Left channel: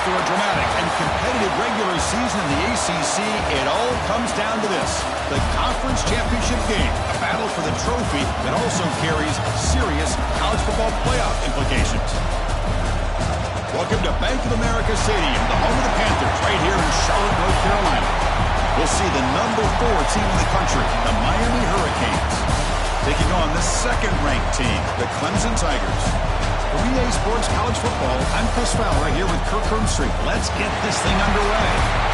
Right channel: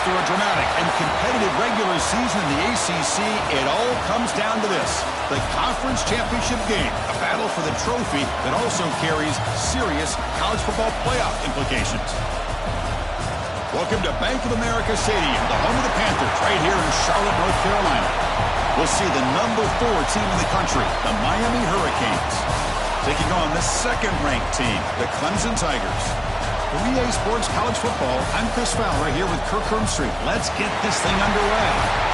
After a dramatic and competitive regular season in the ACC, it all comes down to this: the conference championship game, a battle for the trophy that also carries serious college football playoff implications. Welcome to Bank of America Stadium, the home of the Panthers, right here in Charlotte, North Carolina. We'll see the number 4 team in the country, the Miami Hurricanes, taking on the second-ranked team, the Clemson Tigers. For EA Sports College Football, I'm Chris Fowler right here with Kirk Hermstreet. Let's get this thing underway.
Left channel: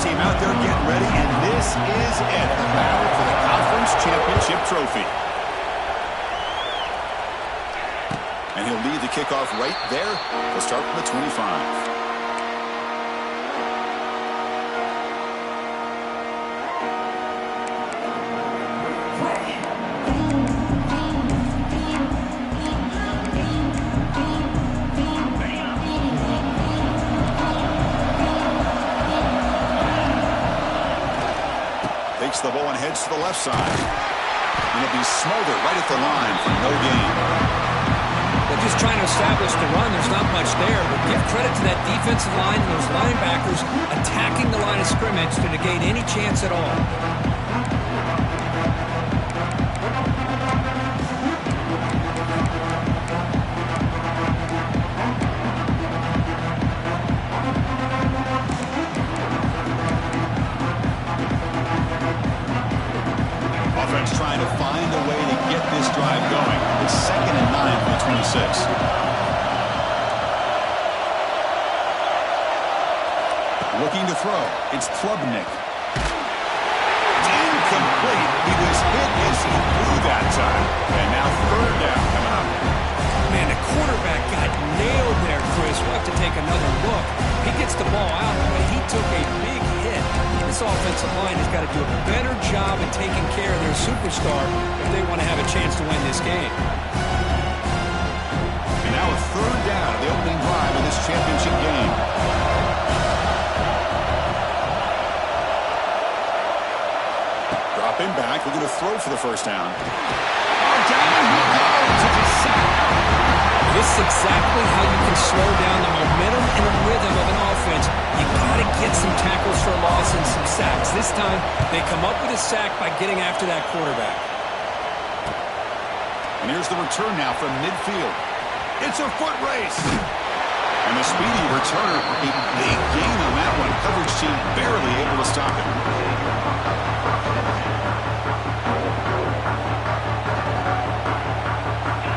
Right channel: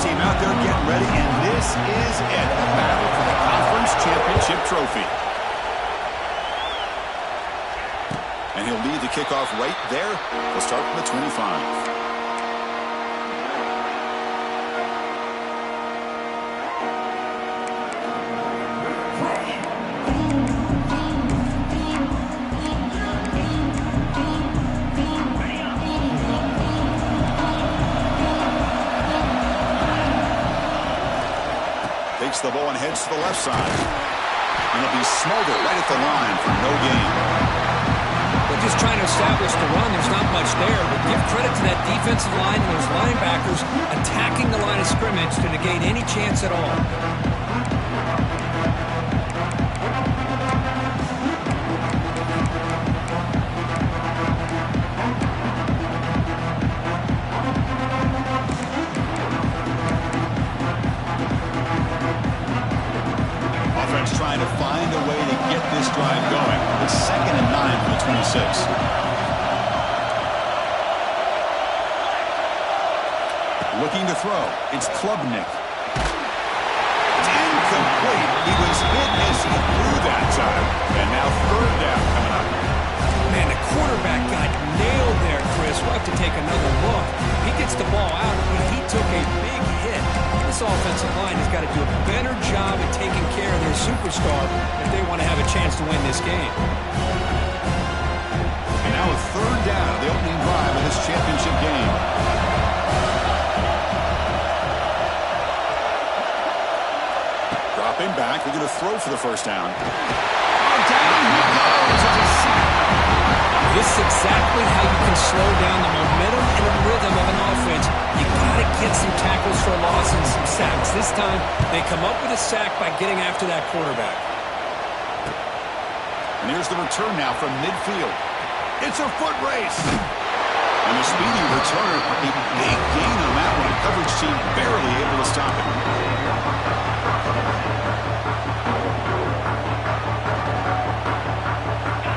Team out there getting ready, and this is it, the battle for the conference championship trophy. And he'll lead the kickoff right there. We'll start from the 25. Takes the ball and heads to the left side. And it'll be Smolder right at the line for no gain. They're just trying to establish the run. There's not much there, but give credit to that defensive line and those linebackers attacking the line of scrimmage to negate any chance at all. Trying to find a way to get this drive going. It's 2nd and 9 from the 26. Looking to throw. It's Klubnik. It's incomplete. He was hit as he threw that time. And now 3rd down coming up. Man, the quarterback got nailed there, Chris. We'll have to take another look. He gets the ball out, but he took a big hit. This offensive line has got to do a better job at taking care of their superstar if they want to have a chance to win this game. And now a 3rd down of the opening drive of this championship game. Dropping back, looking to throw for the first down. Oh, down he goes. It's a sack. This is exactly how you can slow down the momentum and the rhythm of an offense. You got to get some tackles for a loss and some sacks. This time, they come up with a sack by getting after that quarterback. And here's the return now from midfield. It's a foot race. And the speedy returner, a big gain on that one. Coverage team barely able to stop it.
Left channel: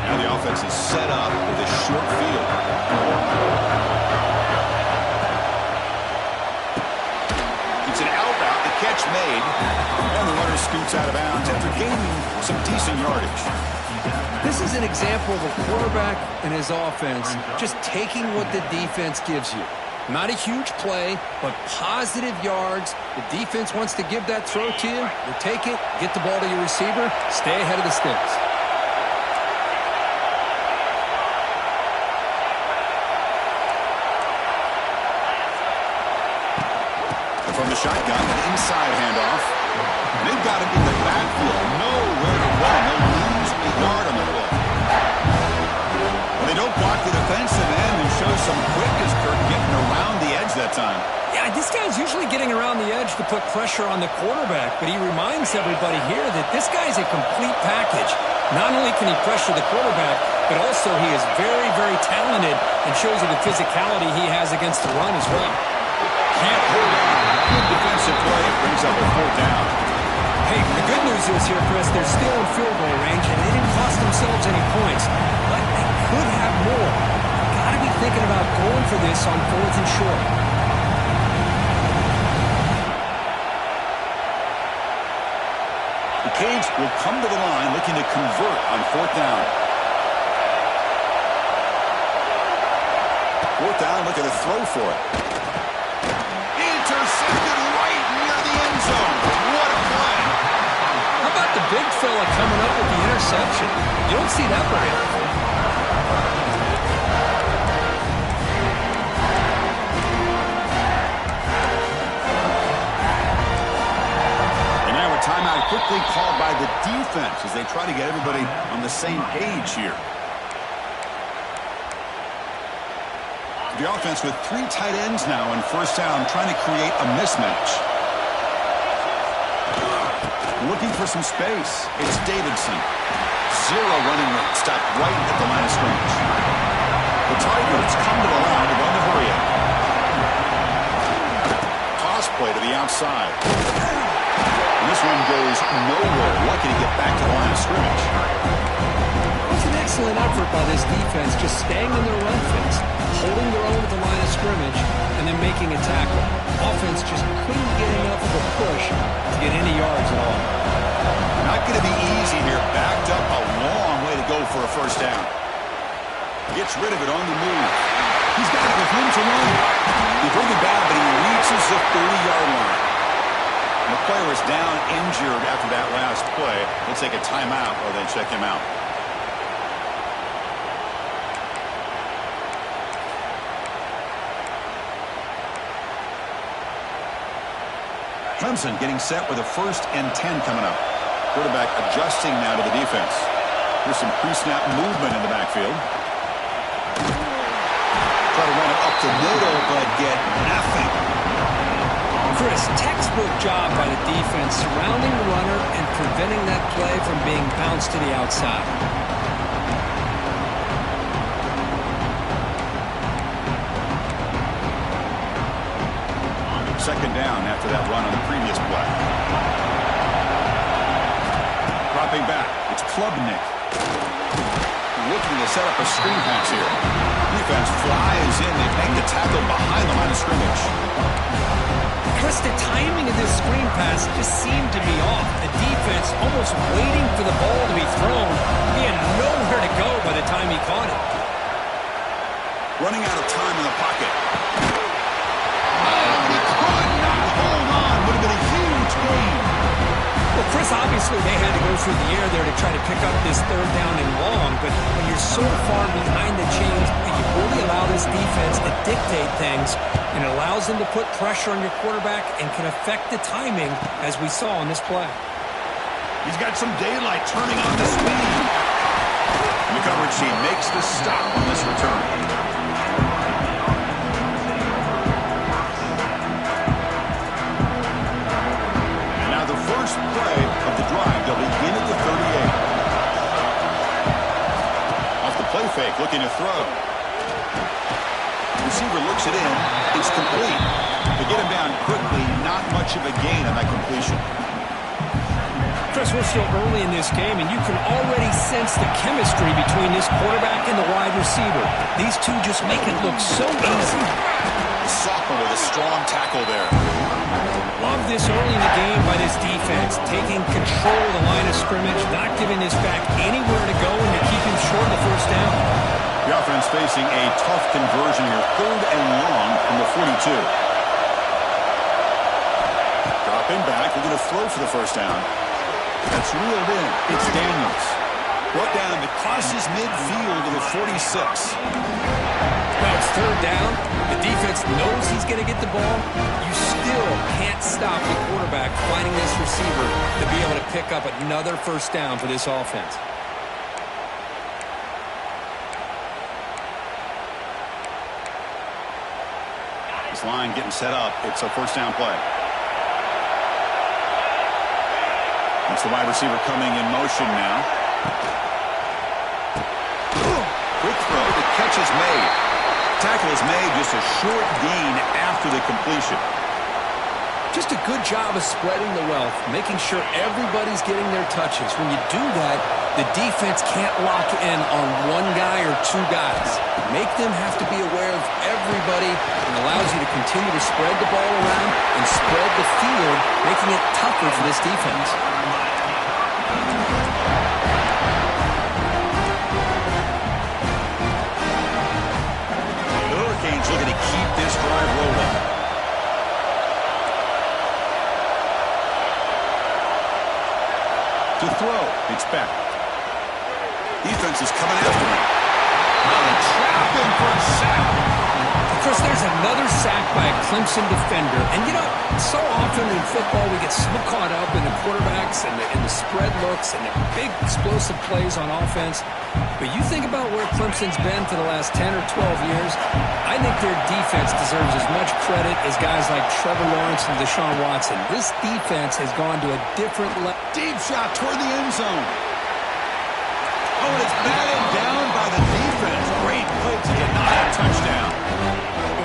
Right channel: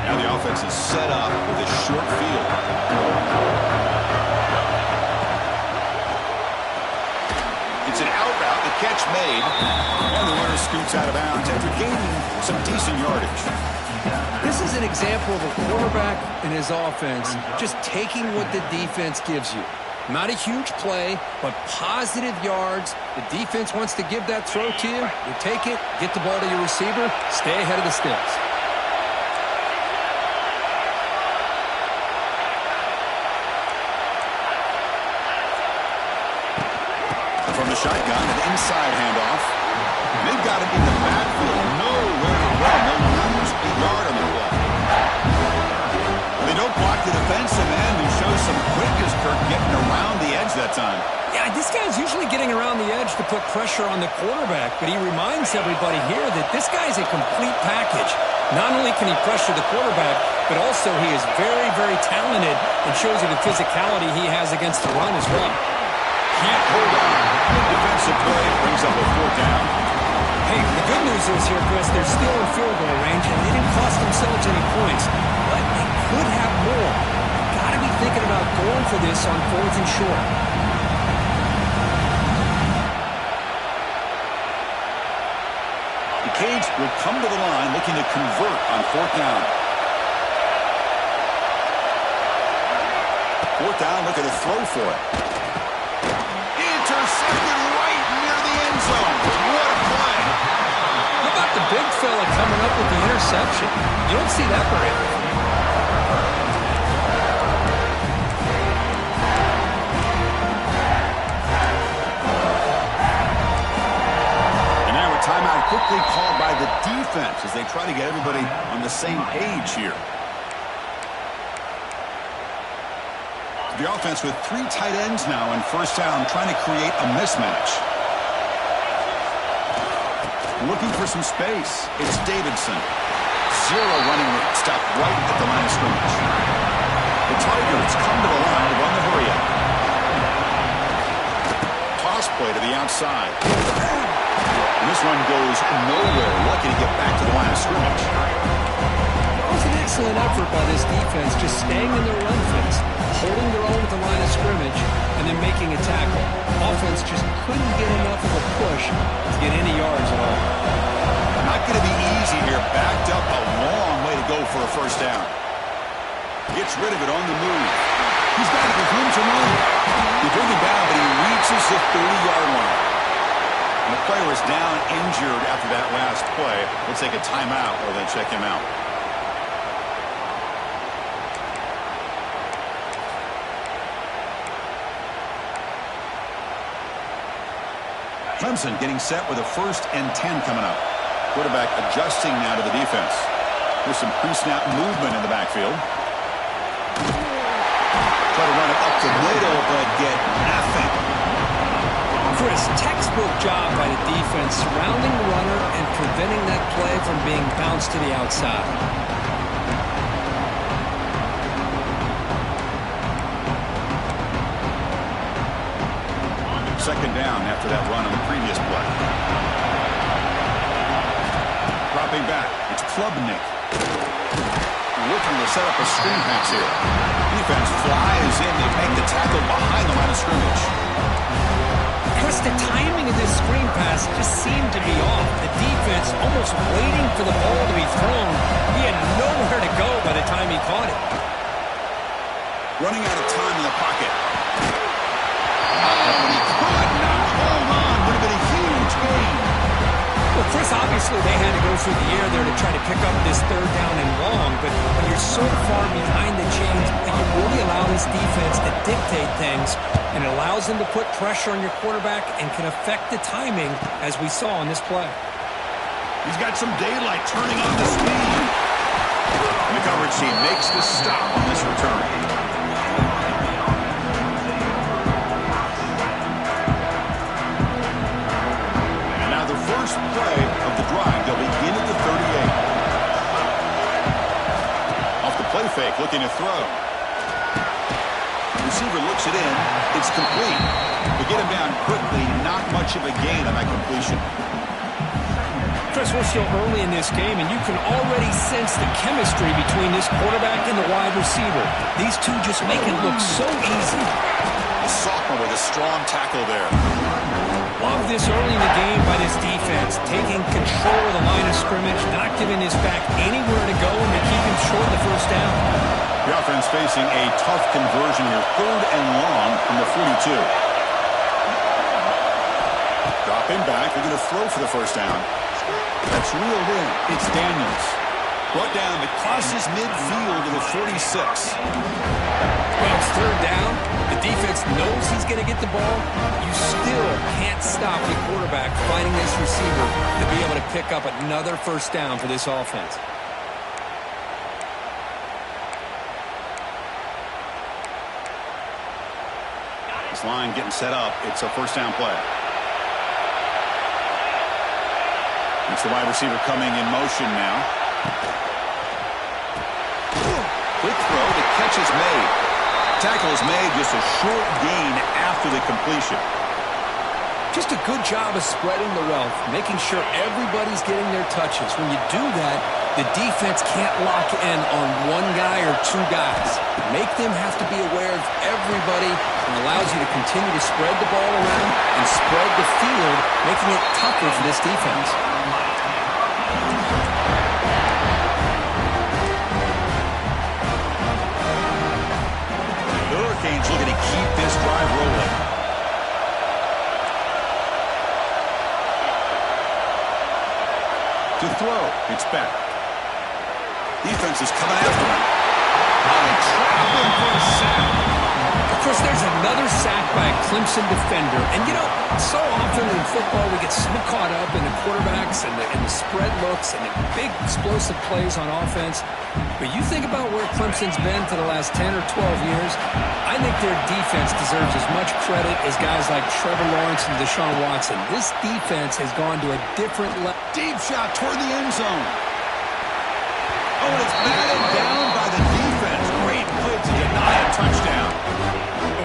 Now the offense is set up with a short field. It's an out route, the catch made, and the runner scoots out of bounds after gaining some decent yardage. This is an example of a quarterback and his offense just taking what the defense gives you. Not a huge play, but positive yards. The defense wants to give that throw to you. You take it, get the ball to your receiver, stay ahead of the sticks. From the shotgun, an inside handoff. And they've got him in the backfield. Nowhere to run. They'll lose a yard on the play. Well, they don't block the defensive end and show some quickness, Kirk, getting around the edge that time. Yeah, this guy's usually getting around the edge to put pressure on the quarterback, but he reminds everybody here that this guy's a complete package. Not only can he pressure the quarterback, but also he is very, very talented and shows you the physicality he has against the run as well. Can't hold on. Good defensive play. Brings up a 4th down. Hey, the good news is here, Chris, they're still in field goal range, and they didn't cost themselves any points. But they could have more. Got to be thinking about going for this on 4th and short. The Canes will come to the line looking to convert on 4th down. 4th down, looking to throw for it. Intercepted right near the end zone. coming up with the interception. You don't see that very often. Timeout quickly called by the defense as they try to get everybody on the same page here. The offense with 3 tight ends now in first down, trying to create a mismatch. Looking for some space. It's Davidson. 0 running room. Stopped right at the line of scrimmage. The Tigers come to the line to run the hurry-up. Toss play to the outside. And this one goes nowhere. Lucky to get back to the line of scrimmage. It was an excellent effort by this defense, just staying in their run fits, holding their own at the line of scrimmage, and then making a tackle. Offense just couldn't get enough of a push to get any yards at all. Not going to be easy here. Backed up a long way to go for a first down. Gets rid of it on the move. He's got it with room to run. They bring him down, but he reaches the 30-yard line. And the player is down injured after that last play. We'll take a timeout or then check him out. Clemson getting set with a 1st and 10 coming up. Quarterback adjusting now to the defense. Here's some pre-snap movement in the backfield. Try to run it up the middle, but get nothing. Chris, textbook job by the defense surrounding the runner and preventing that play from being bounced to the outside. Second down after that run on the previous play. Dropping back, it's Klubnik. Looking to set up a screen pass here. Defense flies in. They make the tackle behind the line of scrimmage. Chris, the timing of this screen pass just seemed to be off. The defense almost waiting for the ball to be thrown. He had nowhere to go by the time he caught it. Running out of time in the pocket. Oh, he could not hold on. Would have been a huge gain. Well, Chris, obviously they had to go through the air there to try to pick up this 3rd down and long, but when you're so far behind the chains, you really allow this defense to dictate things, and it allows them to put pressure on your quarterback and can affect the timing, as we saw on this play. He's got some daylight turning on the speed. And the coverage team makes the stop on this return. First play of the drive, they'll begin at the 38. Off the play fake, looking to throw. Receiver looks it in. It's complete. They get him down quickly. Not much of a gain on that completion. Chris, we're still early in this game, and you can already sense the chemistry between this quarterback and the wide receiver. These two just make it look so easy. The sophomore with a strong tackle there. Love this early in the game by this defense, taking control of the line of scrimmage, not giving this back anywhere to go, and to keep him short of the first down. The offense facing a tough conversion here, 3rd and long from the 42. Dropping back, they're going to throw for the first down. That's reeled in. It's Daniels. Brought down, it crosses midfield to the 46. Well, it's 3rd down. The defense knows he's going to get the ball. You still can't stop the quarterback finding this receiver to be able to pick up another first down for this offense. This line getting set up. It's a first down play. That's the wide receiver coming in motion now. Quick throw. The catch is made. Tackle is made, just a short gain after the completion. Just a good job of spreading the wealth, making sure everybody's getting their touches. When you do that, the defense can't lock in on one guy or 2 guys. Make them have to be aware of everybody, and allows you to continue to spread the ball around and spread the field, making it tougher for this defense. Hurricanes looking to keep this drive rolling. 2 To throw, it's back. Defense is coming after him. Oh, they trap him for a sack. Of course, there's another sack by a Clemson defender. And, you know, so often in football we get so caught up in the quarterbacks and the spread looks and the big explosive plays on offense. But you think about where Clemson's been for the last 10 or 12 years, I think their defense deserves as much credit as guys like Trevor Lawrence and Deshaun Watson. This defense has gone to a different level. Deep shot toward the end zone. Oh, and it's batted down by the defense. Great play to deny a touchdown.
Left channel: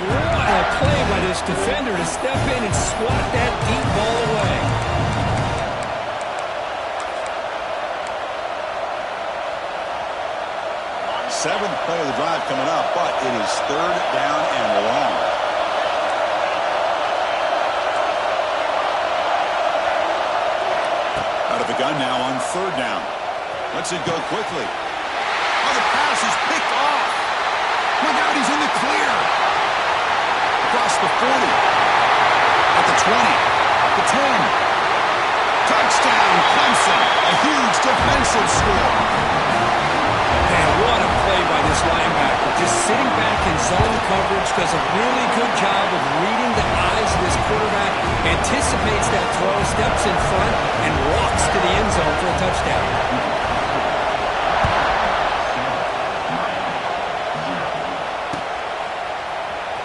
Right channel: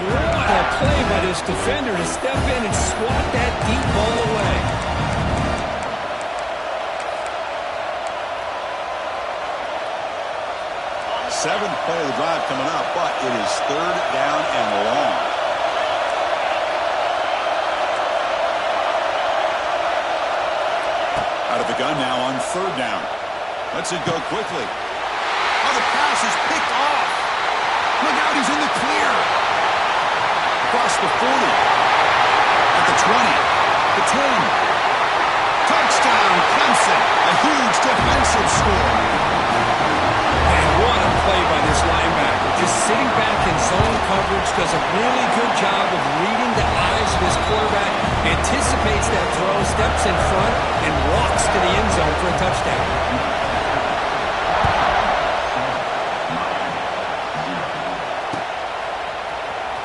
What a play by this defender to step in and swat that deep ball away. Seventh play of the drive coming up, but it is third down and long. Out of the gun now on third down. Lets it go quickly. Oh, the pass is picked off. Look out, he's in the clear. Across the 40. At the 20. The 10. Touchdown, Clemson. A huge defensive score. Man, what a play by this linebacker. Just sitting back in zone coverage, does a really good job of reading the eyes of his quarterback, anticipates that throw, steps in front, and walks to the end zone for a touchdown.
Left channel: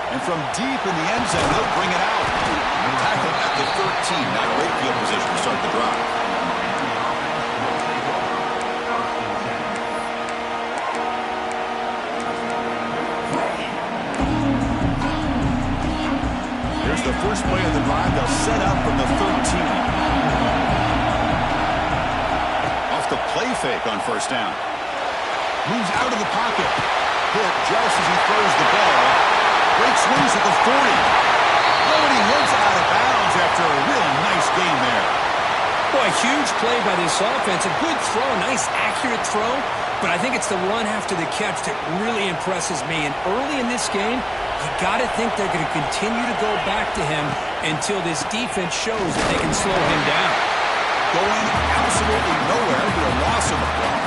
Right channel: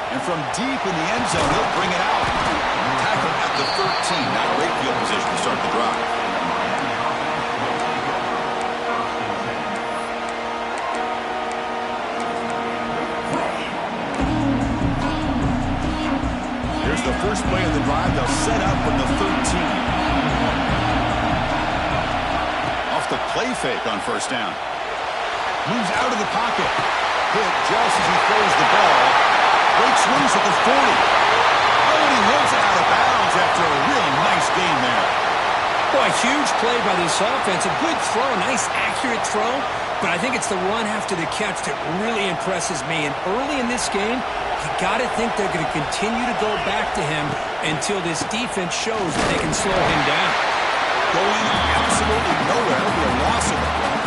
And from deep in the end zone, he'll bring it out. Tackled at the 13. Not great field position to start the drive. Here's the first play of the drive. They'll set up from the 13. Off the play fake on first down. Moves out of the pocket. Hit just as he throws the ball. Breaks loose at the 40. Oh, and he hits out of bounds after a real nice gain there. Boy, huge play by this offense. A good throw, a nice accurate throw. But I think it's the run after the catch that really impresses me. And early in this game, you got to think they're going to continue to go back to him until this defense shows that they can slow him down. Going absolutely nowhere for a loss of the ball.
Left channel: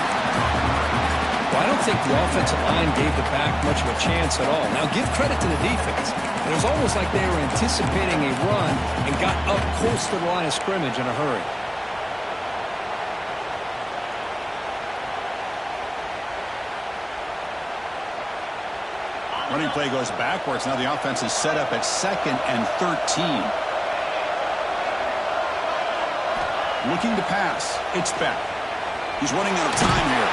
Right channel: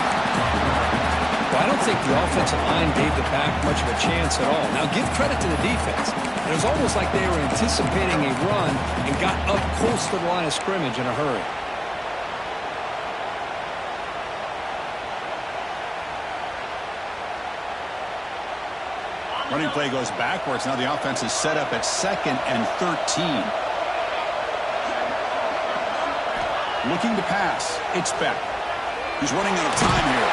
Well, I don't think the offensive line gave the back much of a chance at all. Now, give credit to the defense. It was almost like they were anticipating a run and got up close to the line of scrimmage in a hurry. Running play goes backwards. Now the offense is set up at 2nd and 13. Looking to pass. It's back. He's running out of time here.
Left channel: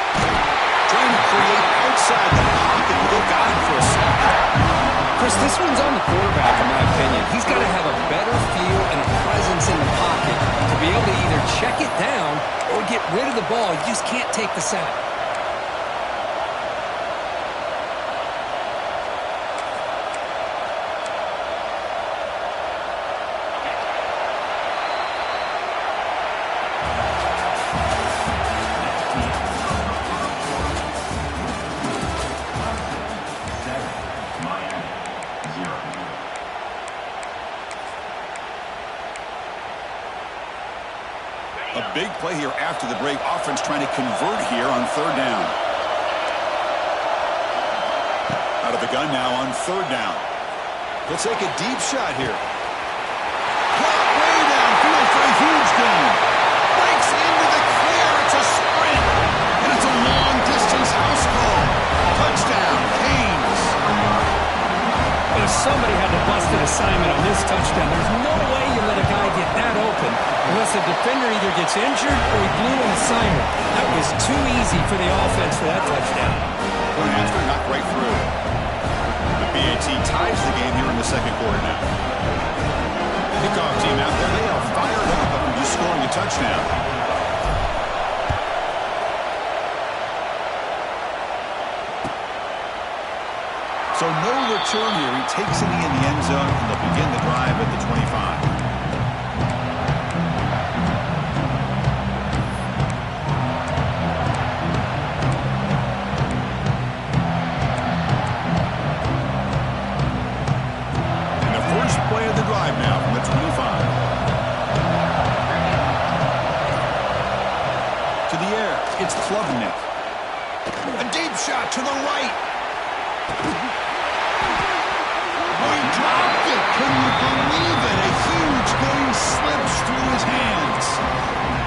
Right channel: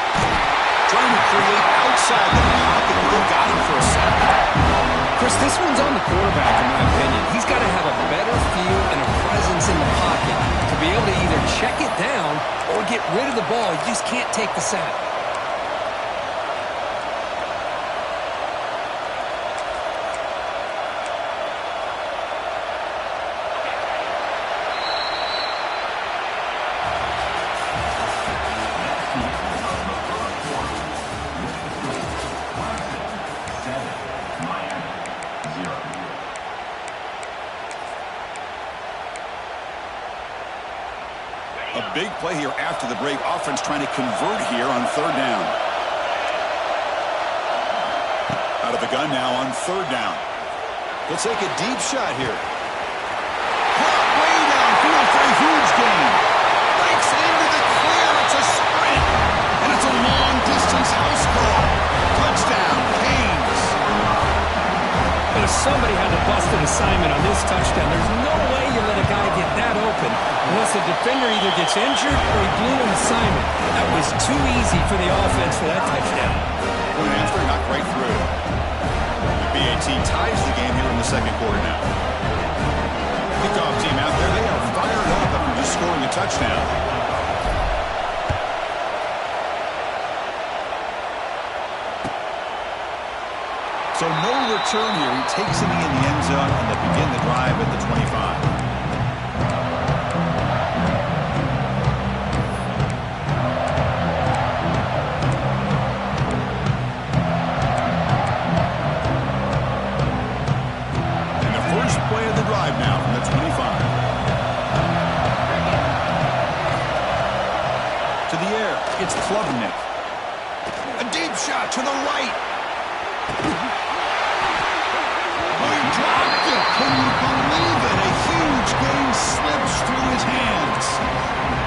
Trying to create outside the pocket, but they got him for a sack. Chris, this one's on the quarterback, in my opinion. He's got to have a better feel and a presence in the pocket to be able to either check it down or get rid of the ball. You just can't take the sack. A big play here after the break. Offense trying to convert here on third down. Out of the gun now on third down. He'll take a deep shot here. Caught way downfield for a huge gain. Breaks into the clear. It's a sprint. And it's a long-distance house call. Touchdown, Canes. But if somebody had to bust an assignment on this touchdown, there's no way you let a guy get that open unless the defender either gets injured or he blew an assignment. That was too easy for the offense for that touchdown. Point after, not right through. The BAT ties the game here in the second quarter now. Kickoff team out there, they are fired up after just scoring a touchdown. So no return here. He takes it in the end zone, and they'll begin the drive at the 25. Play of the drive now from the 25. it's Klubnik. A deep shot to the right. Oh, he dropped it. Can you believe it? A huge gain slips through his hands.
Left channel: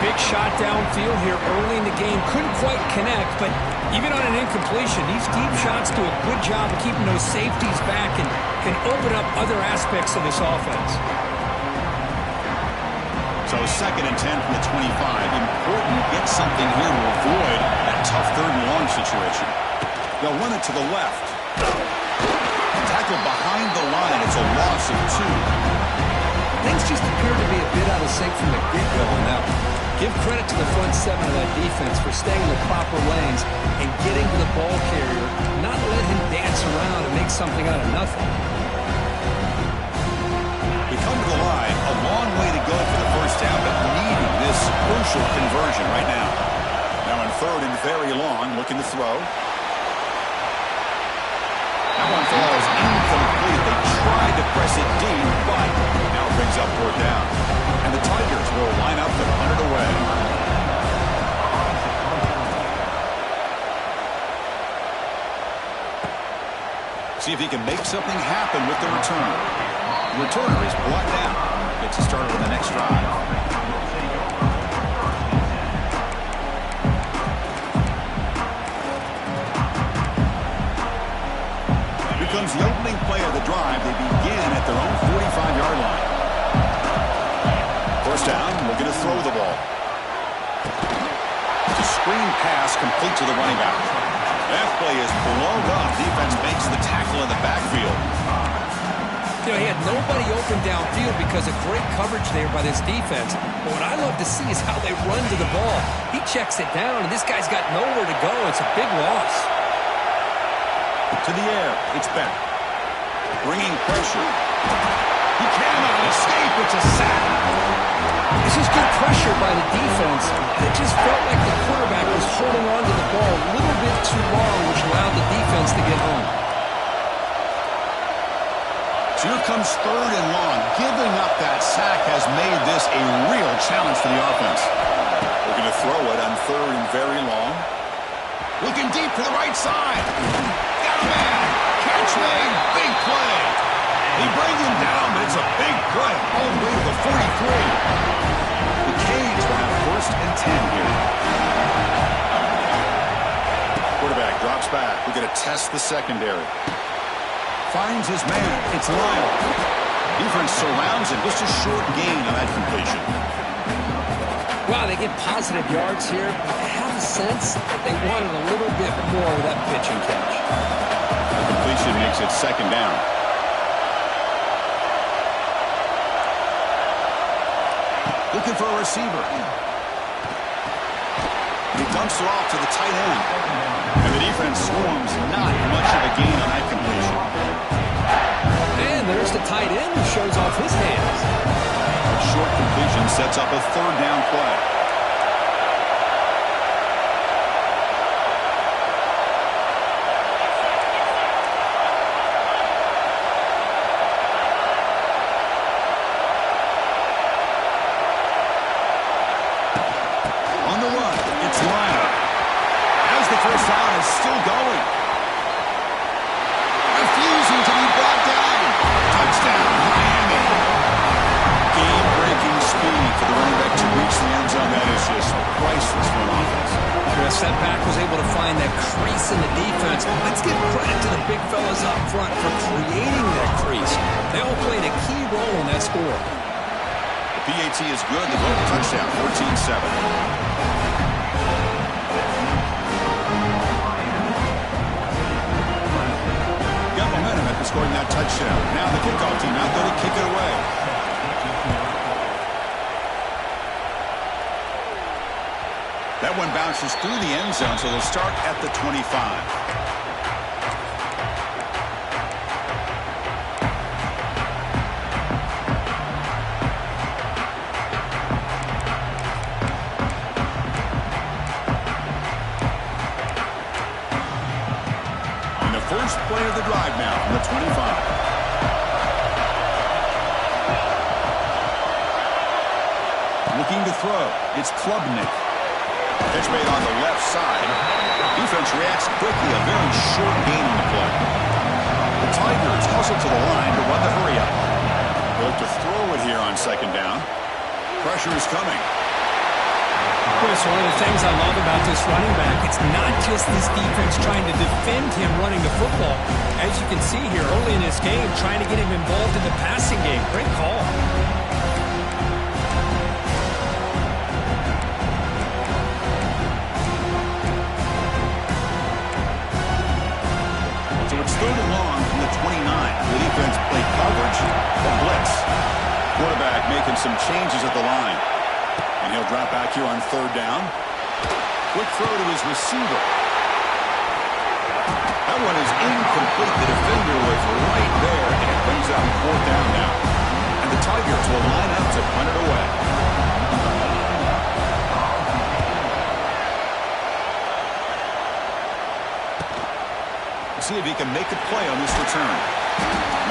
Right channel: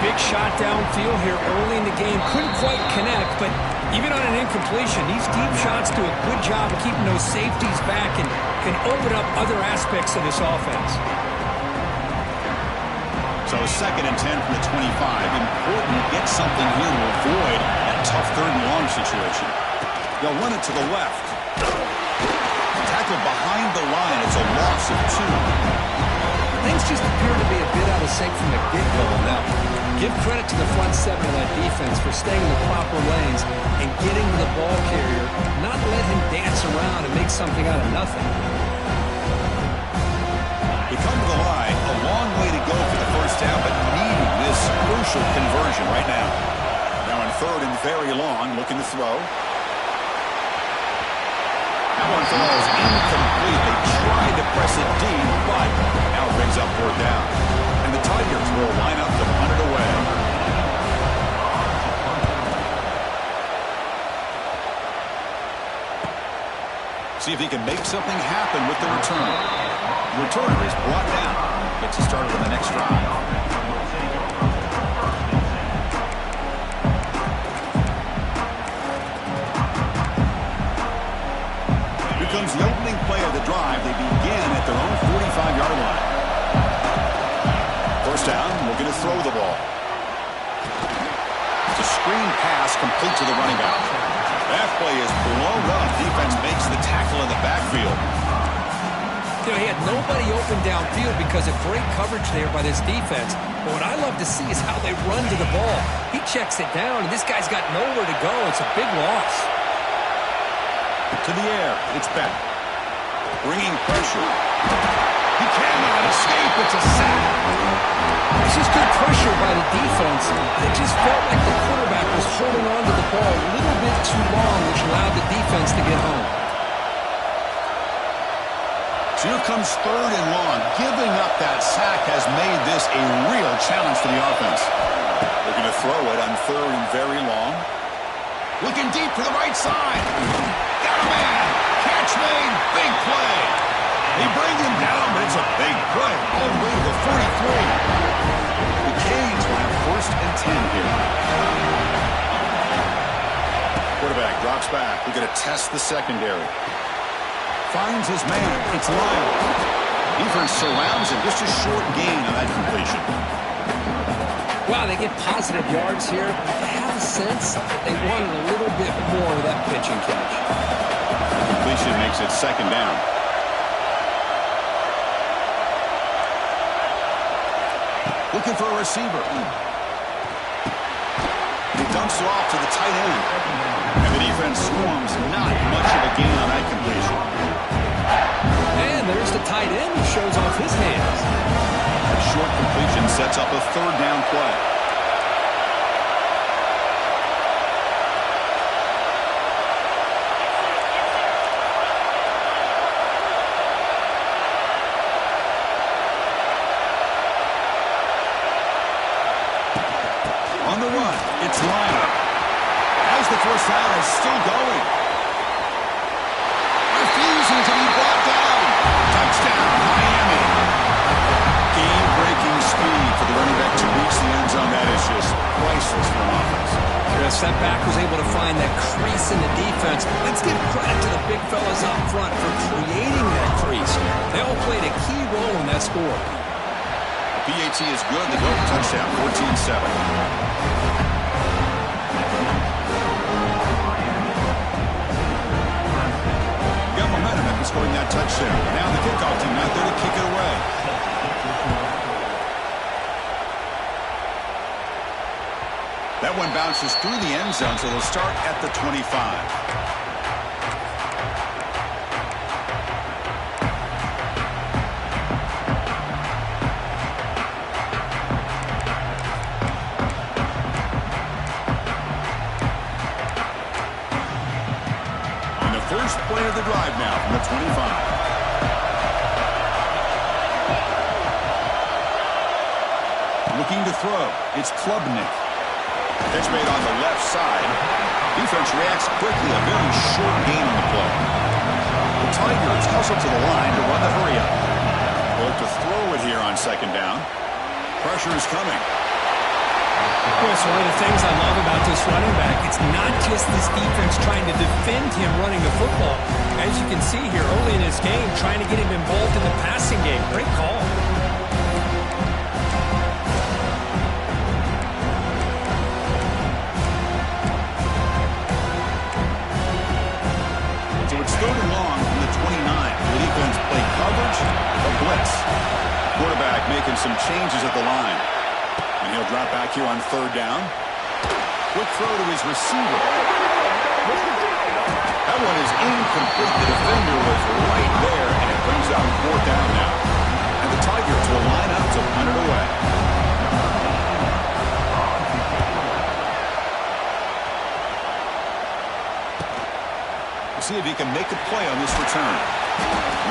Big shot downfield here early in the game. Couldn't quite connect, but even on an incompletion, these deep shots do a good job of keeping those safeties back and can open up other aspects of this offense. So 2nd and 10 from the 25. Important to get something here to avoid that tough 3rd and long situation. They'll run it to the left. Tackled behind the line. It's a loss of 2. Things just appear to be a bit out of sync from the get-go on that one. Give credit to the front 7 of that defense for staying in the proper lanes and getting to the ball carrier, not let him dance around and make something out of nothing. We come to the line, a long way to go for the first down, but needing this crucial conversion right now. Now in 3rd and very long, looking to throw. That one falls incomplete. They tried to press it deep, but now it brings up 4th down. And the Tigers will line up to punt it away. See if he can make something happen with the return. The returner is brought down. Gets us started on the next drive. Comes the opening play of the drive. They begin at their own 45-yard line. First down, looking to throw the ball. It's a screen pass complete to the running back. That play is blown up. Defense makes the tackle in the backfield. You know, he had nobody open downfield because of great coverage there by this defense. But what I love to see is how they run to the ball. He checks it down, and this guy's got nowhere to go. It's a big loss. To the air, it's back. Bringing pressure. He cannot escape. It's a sack. This is good pressure by the defense. It just felt like the quarterback was holding on to the ball a little bit too long, which allowed the defense to get home. So here comes 3rd and long. Giving up that sack has made this a real challenge for the offense. Looking to throw it on 3rd and very long. Looking deep to the right side. Got a man. Catch made. Big play. They bring him down, but it's a big play all the way to the 43. The Canes will have 1st and 10 here. Quarterback drops back. We're going to test the secondary. Finds his man. It's Lyle. Defense surrounds him. Just a short gain on that completion. Wow, they get positive yards here. I have a sense that they wanted a little bit more of that pitch and catch. The completion makes it 2nd down. Looking for a receiver. He dumps it off to the tight end. And the defense swarms. Not much of a gain on that completion. And there's the tight end who shows off his hands. That short completion sets up a 3rd down play. On the run, it's Lionel. As the first down is still going. Refusing to be brought down. Touchdown, Miami. Game-breaking speed for the running back to reach the end zone. That is just priceless for an offense. Chris, that back was able to find that crease in the defense. Let's give credit to the big fellas up front for creating that crease. They all played a key role in that score. The PAT is good. They go for touchdown, 14-7. Got momentum after scoring that touchdown. Now the kickoff team out there to kick it away. That one bounces through the end zone, so they'll start at the 25. First play of the drive now from the 25. Looking to throw. It's Klubnik. Catch made on the left side. Defense reacts quickly. A very short gain on the play. The Tigers hustle to the line to run the hurry-up. They'll look to throw it here on second down. Pressure is coming. Chris, one of the things I love about this running back, it's not just this defense trying to defend him running the football. As you can see here early in this game, trying to get him involved in the passing game. Great call. So it's 3rd and long from the 29. The defense play coverage or blitz. Quarterback making some changes at the line. And he'll drop back here on 3rd down. Quick throw to his receiver. That one is incomplete. The defender was right there, and it brings up 4th down now. And the Tigers will line up to punt it away. We'll see if he can make a play on this return.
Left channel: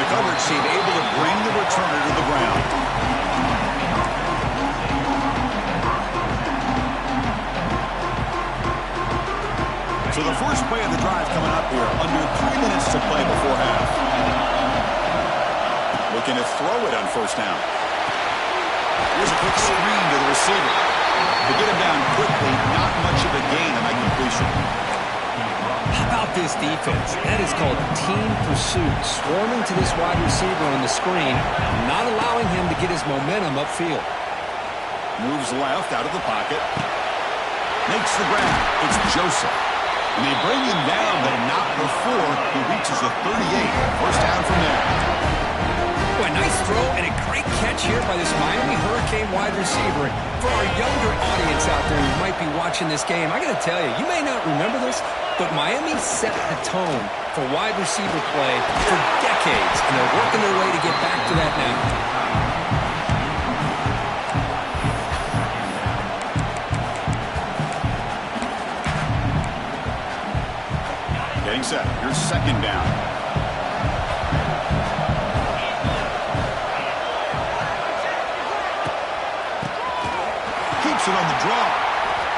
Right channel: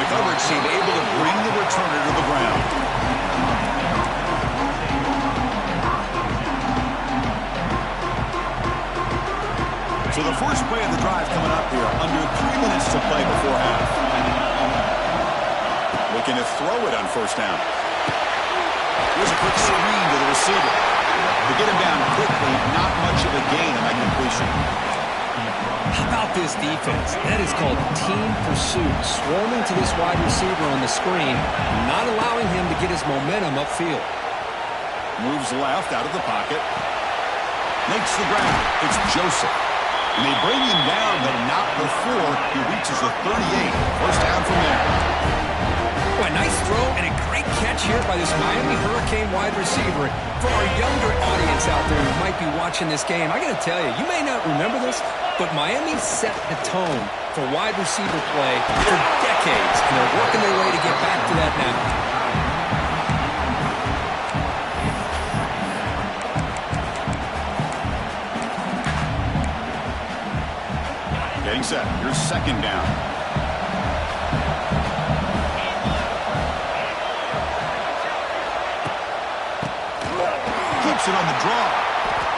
The coverage team able to bring the returner to the ground. So the first play of the drive coming up here, under 3 minutes to play before half. Looking to throw it on 1st down. Here's a quick screen to the receiver. To get him down quickly, not much of a gain on that completion. How about this defense? That is called team pursuit. Swarming to this wide receiver on the screen, not allowing him to get his momentum upfield. Moves left out of the pocket. Makes the grab. It's Joseph. And they bring him down, but not before he reaches the 38. 1st down from there. Boy, a nice throw and a great catch here by this Miami Hurricane wide receiver. For our younger audience out there who might be watching this game, I got to tell you, you may not remember this, but Miami set the tone for wide receiver play for decades, and they're working their way to get back to that now. Getting set. Here's 2nd down. Keeps it on the draw.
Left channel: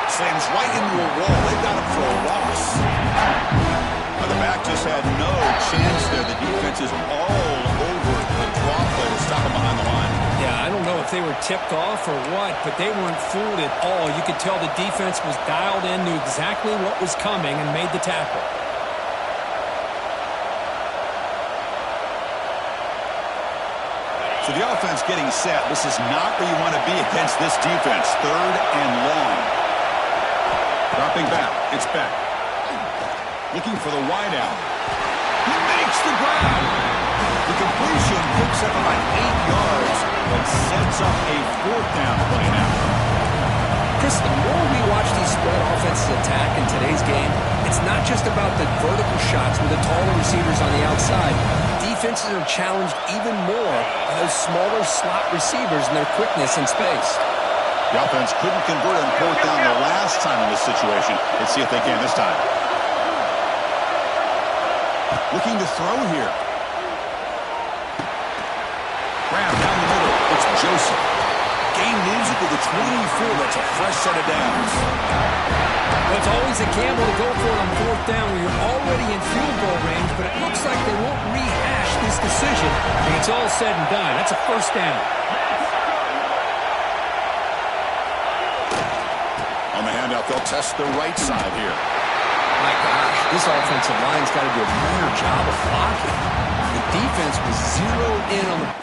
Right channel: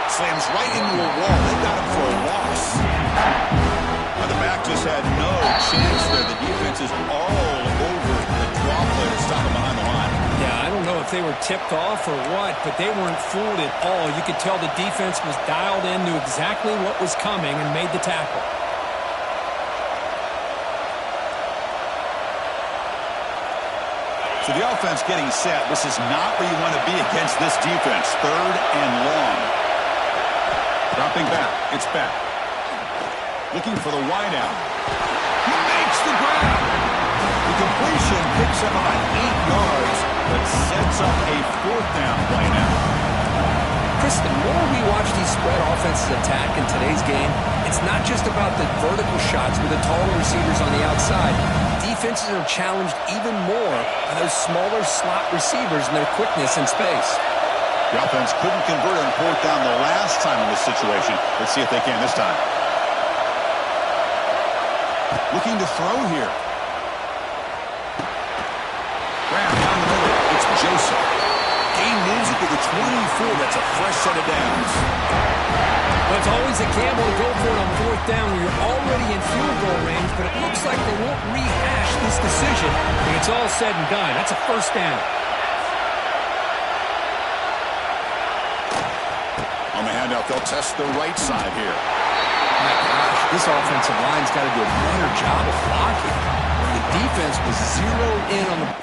Slams right into a wall. They got him for a loss. The back just had no chance there. The defense is all over the draw play to stop him behind the line. Yeah, I don't know if they were tipped off or what, but they weren't fooled at all. You could tell the defense was dialed in, knew exactly what was coming, and made the tackle. So the offense getting set. This is not where you want to be against this defense. 3rd and long. Dropping back. It's back. Looking for the wideout. He makes the grab. The completion picks up about 8 yards, but sets up a 4th down play now. Chris, the more we watch these spread offenses attack in today's game, it's not just about the vertical shots with the taller receivers on the outside. Defenses are challenged even more by those smaller slot receivers and their quickness in space. The offense couldn't convert on 4th down the last time in this situation. Let's see if they can this time. Looking to throw here. Grab down the middle. It's Joseph. Gain moves it to the 24. That's a fresh set of downs. Well, it's always a gamble to go for it on 4th down when you're already in field goal range, but it looks like they won't rehash this decision when it's all said and done. That's a 1st down. On the handout, they'll test the right side here. My gosh, this offensive line's got to do a better job of blocking. The defense was zeroed in on the...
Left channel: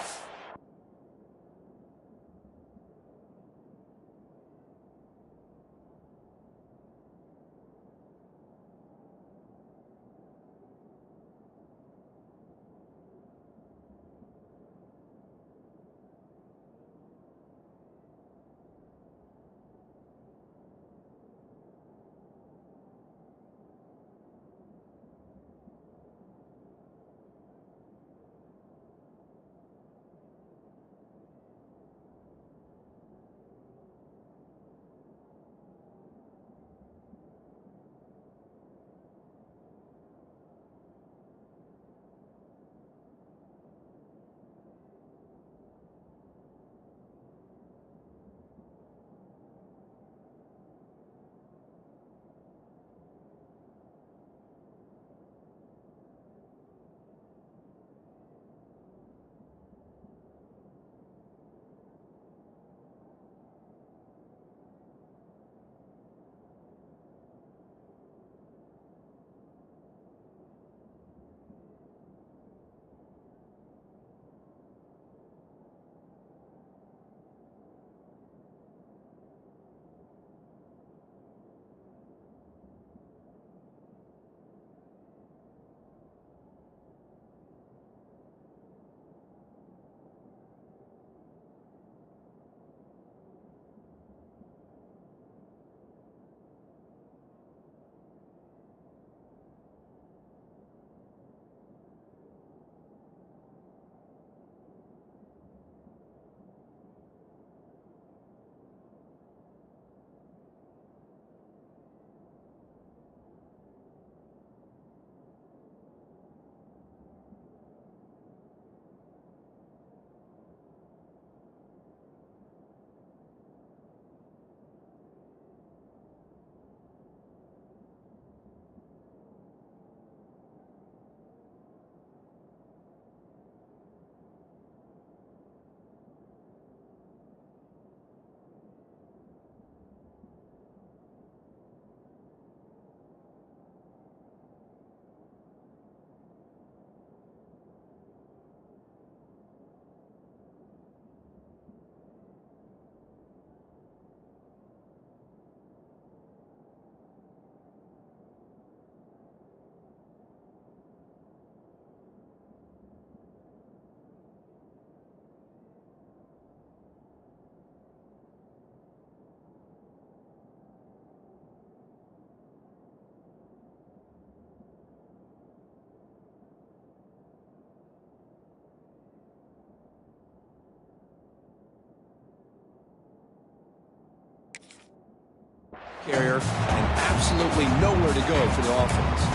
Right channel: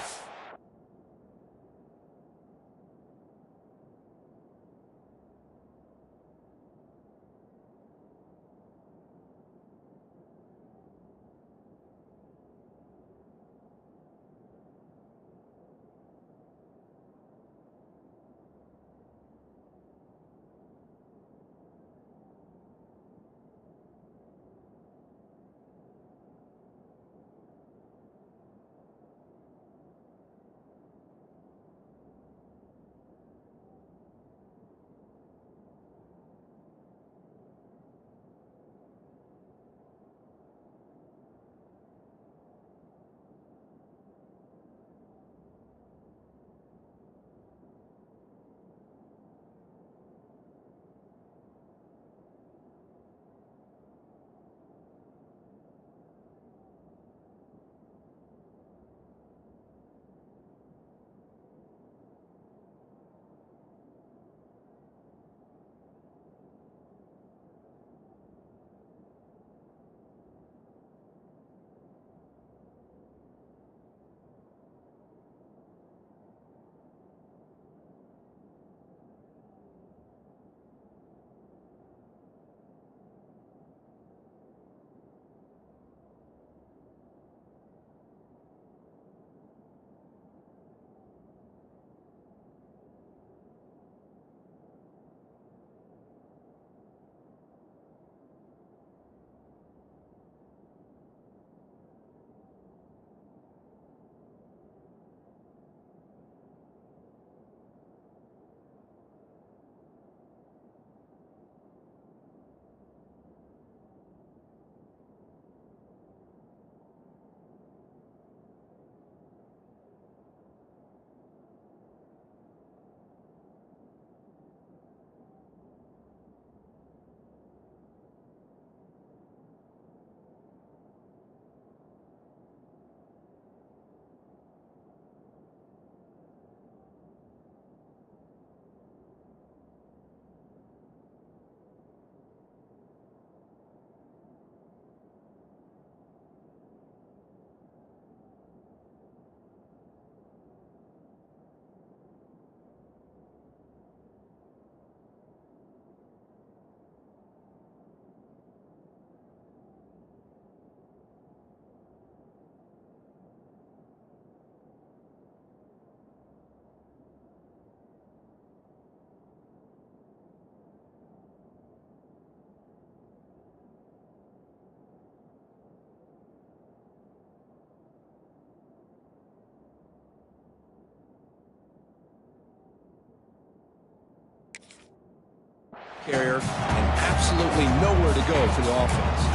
carrier and absolutely nowhere to go for the offense.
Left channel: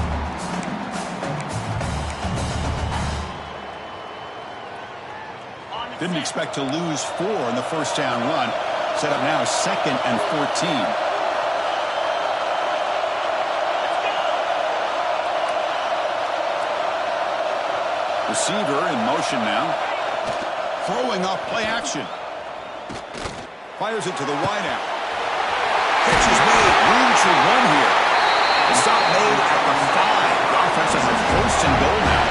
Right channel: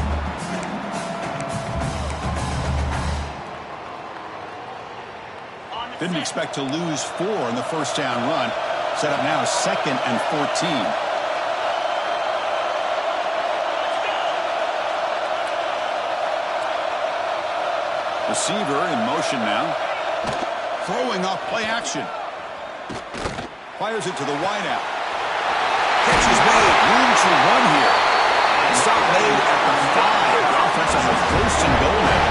Didn't expect to lose 4 in the first down run. Set up now 2nd and 14. Receiver in motion now. Throwing off play action. Fires it to the wideout. Catch is made. Room to run here. The stop made at the 5. The offense has a 1st and goal now.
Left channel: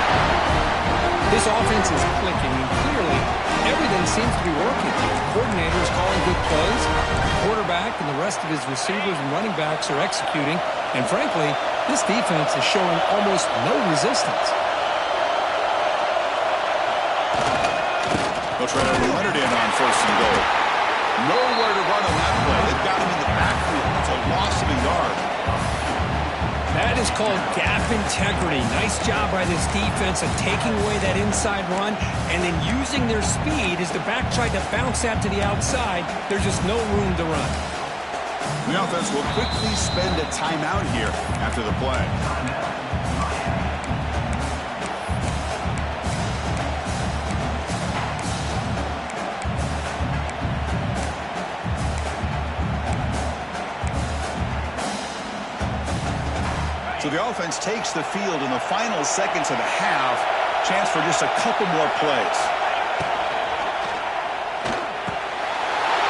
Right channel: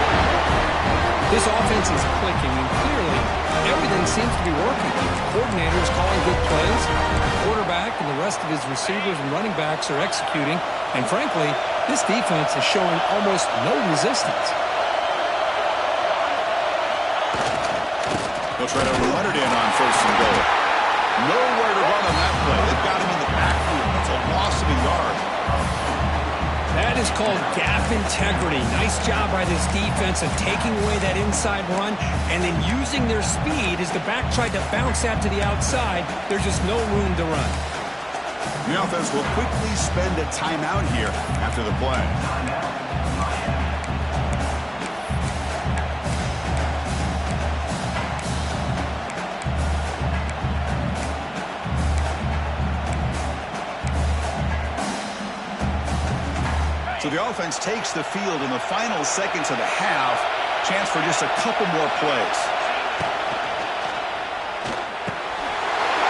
This offense is clicking, and clearly everything seems to be working. The coordinator is calling good plays. The quarterback and the rest of his receivers and running backs are executing. And frankly, this defense is showing almost no resistance. They'll try to run it in on 1st and goal. Nowhere to run on that play. They've got him in the backfield. That's a loss of a yard. That is called gap integrity. Nice job by this defense of taking away that inside run and then using their speed as the back tried to bounce that to the outside. There's just no room to run. The offense will quickly spend a timeout here after the play. So the offense takes the field in the final seconds of the half. Chance for just a couple more plays.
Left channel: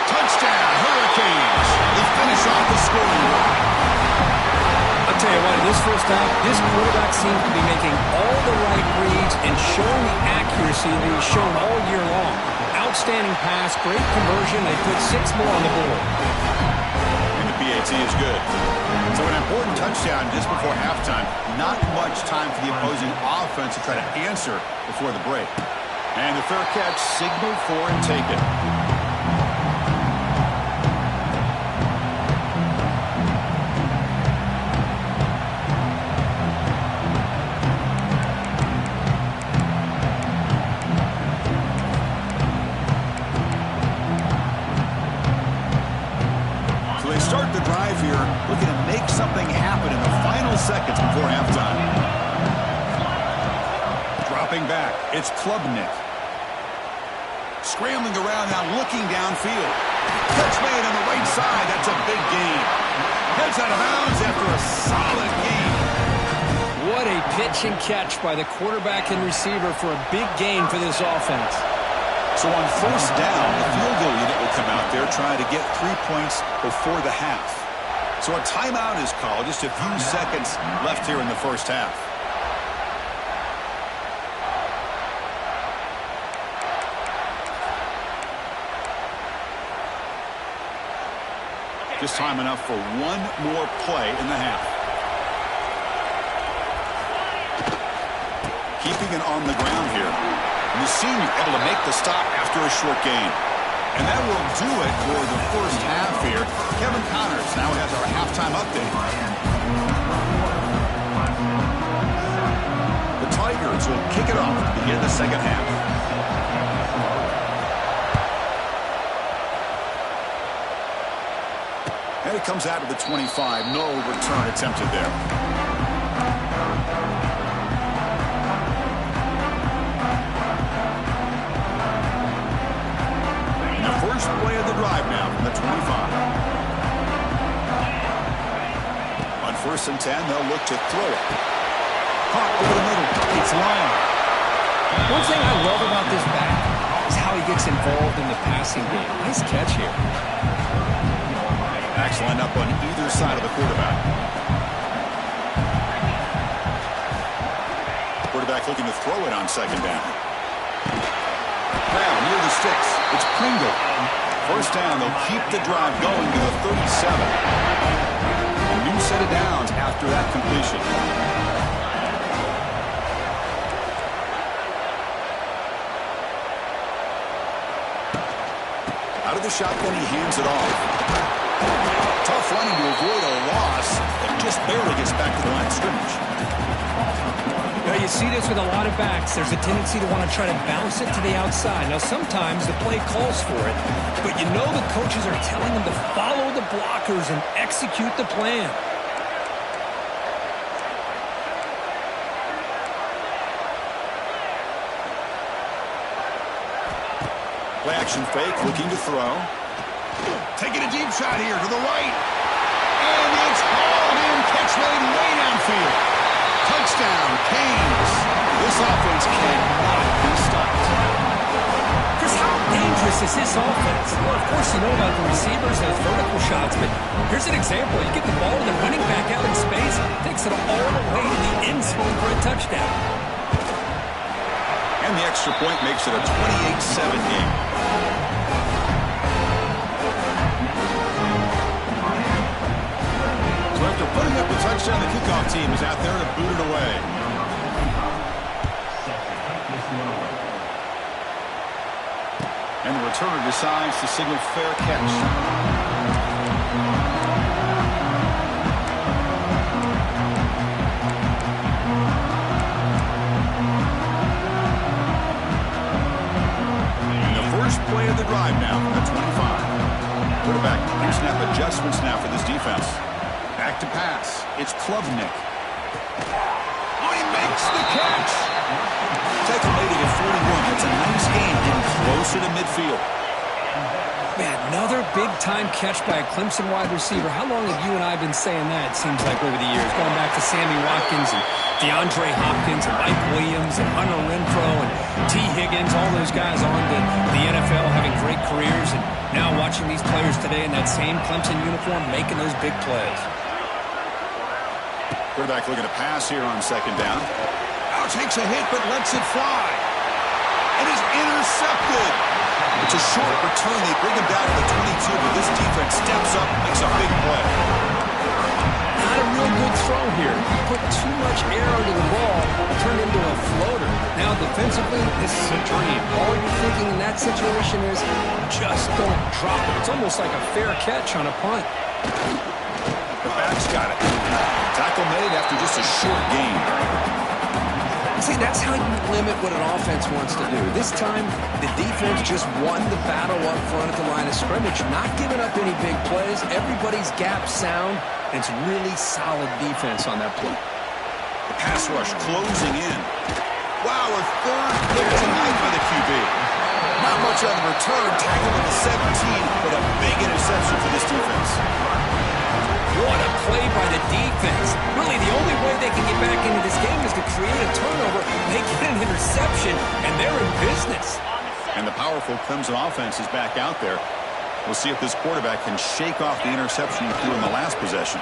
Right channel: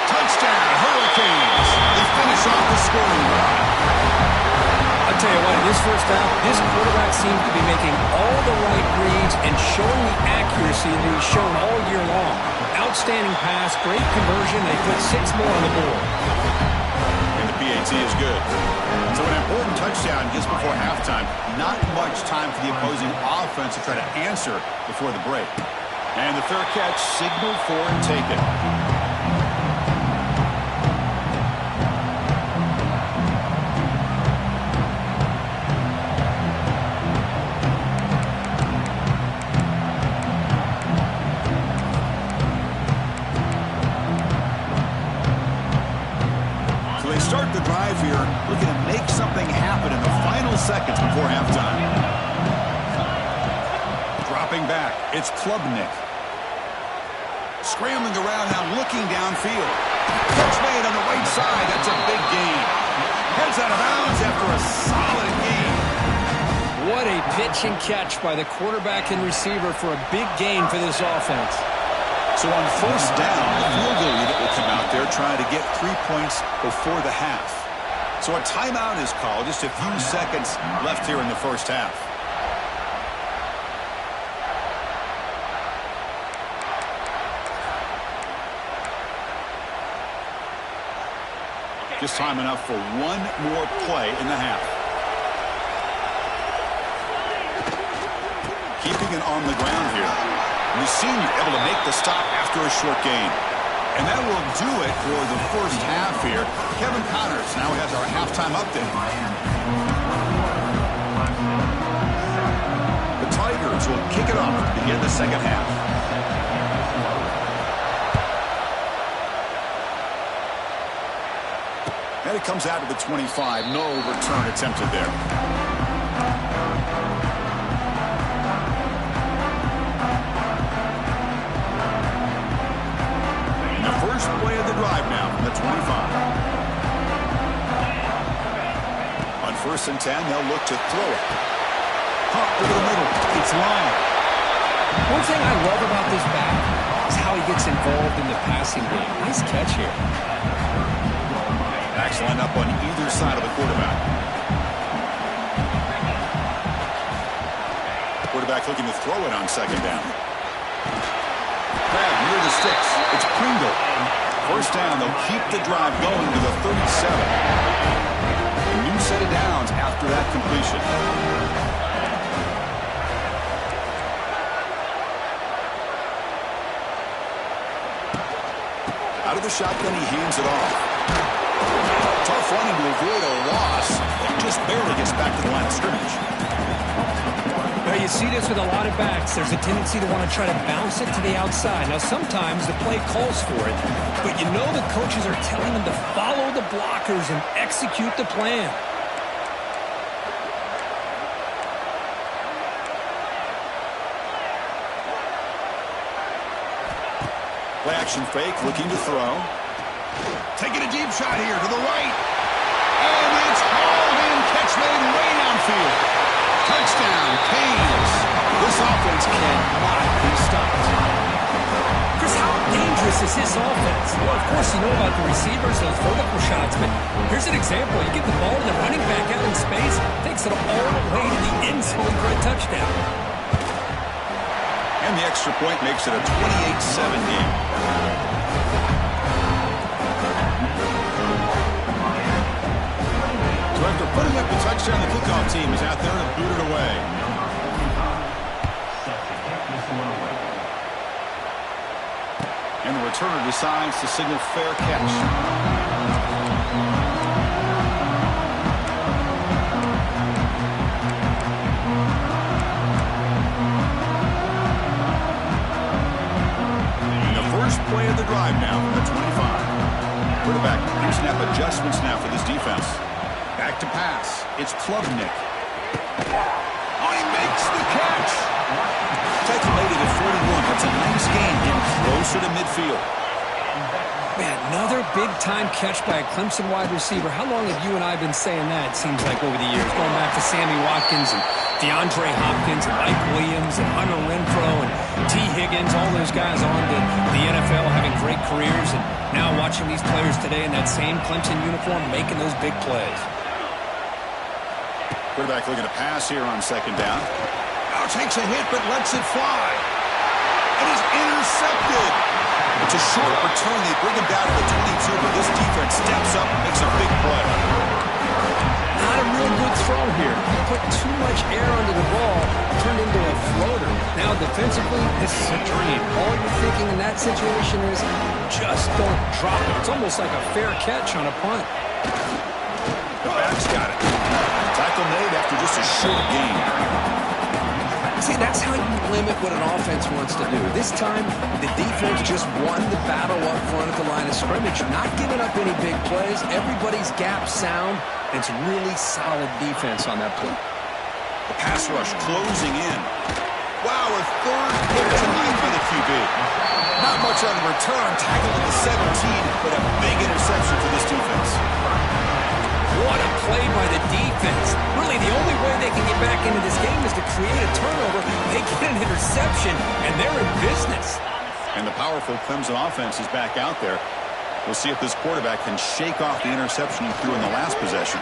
Touchdown, Hurricanes. They finish off the scoring drive. I'll tell you what, in this first half, this quarterback seems to be making all the right reads and showing the accuracy that he's shown all year long. Outstanding pass, great conversion. They put 6 more on the board. And the PAT is good. So an important touchdown just before halftime. Not much time for the opposing offense to try to answer before the break. And the fair catch signaled for and taken. Start the drive here, looking to make something happen in the final seconds before halftime. Dropping back, it's Klubnik. Scrambling around now, looking downfield. Catch made on the right side, that's a big gain. Heads out of bounds after a solid gain. What a pitch and catch by the quarterback and receiver for a big gain for this offense. So on 1st down, the field goal unit will come out there trying to get 3 points before the half. So a timeout is called. Just a few seconds left here in the first half. Just time enough for one more play in the half. Keeping it on the ground here. And the senior able to make the stop after a short gain. And that will do it for the first half here. Kevin Connors now has our halftime update. The Tigers will kick it off to begin the second half. And it comes out to the 25. No return attempted there. First play of the drive now from the 25. On 1st and 10, they'll look to throw it. Caught over the middle. It's Lyon. One thing I love about this back is how he gets involved in the passing game. Nice catch here. Backs line up on either side of the quarterback. Quarterback looking to throw it on 2nd down. Grab near the sticks. It's Pringle. 1st down, they'll keep the drive going to the 37. A new set of downs after that completion. Out of the shotgun, he hands it off. Tough running to avoid a loss that just barely gets back to the line of scrimmage. Well, you see this with a lot of backs. There's a tendency to want to try to bounce it to the outside. Now, sometimes the play calls for it, but you know the coaches are telling them to follow the blockers and execute the plan. Play action fake, looking to throw. Taking a deep shot here to the right. And it's hauled in. Catch made way downfield. Touchdown, Canes. This offense cannot be stopped. Chris, how dangerous is this offense? Well, of course, you know about the receivers, those vertical shots, but here's an example. You get the ball to the running back out in space, takes it all the way to the end zone for a touchdown. And the extra point makes it a 28-7 game. So after putting up the touchdown, the kickoff team is out there to boot it away. And the returner decides to signal fair catch. Play of the drive now from the 25. Quarterback pre-snap adjustments now for this defense. Back to pass. It's Klubnik. Oh, he makes the catch. Tackle made it at 41. That's a nice gain, getting closer to midfield. Man, another big-time catch by a Clemson wide receiver. How long have you and I been saying that, it seems like, over the years? Going back to Sammy Watkins and DeAndre Hopkins and Mike Williams and Hunter Renfrow and T. Higgins, all those guys on to the NFL having great careers, and now watching these players today in that same Clemson uniform making those big plays. Quarterback looking to pass here on second down. Now takes a hit but lets it fly. It is intercepted. It's a short return. They bring him down to the 22, but this defense steps up and makes a big play. Not a real good throw here. He put too much air under the ball, turned into a floater. Now defensively, this is a dream. All you're thinking in that situation is just don't drop it. It's almost like a fair catch on a punt. The back's got it. Tackle made after just a short gain. See, that's how you limit what an offense wants to do. This time, the defense just won the battle up front at the line of scrimmage, not giving up any big plays. Everybody's gap sound. It's really solid defense on that play. The pass rush closing in. Wow, a third pick tonight by the QB. Not much on the return. Tackled at the 17, but a big interception for this defense. What a play by the defense. Really, the only way they can get back into this game is to create a turnover. They get an interception, and they're in business. And the powerful Clemson offense is back out there. We'll see if this quarterback can shake off the interception he threw in the last possession.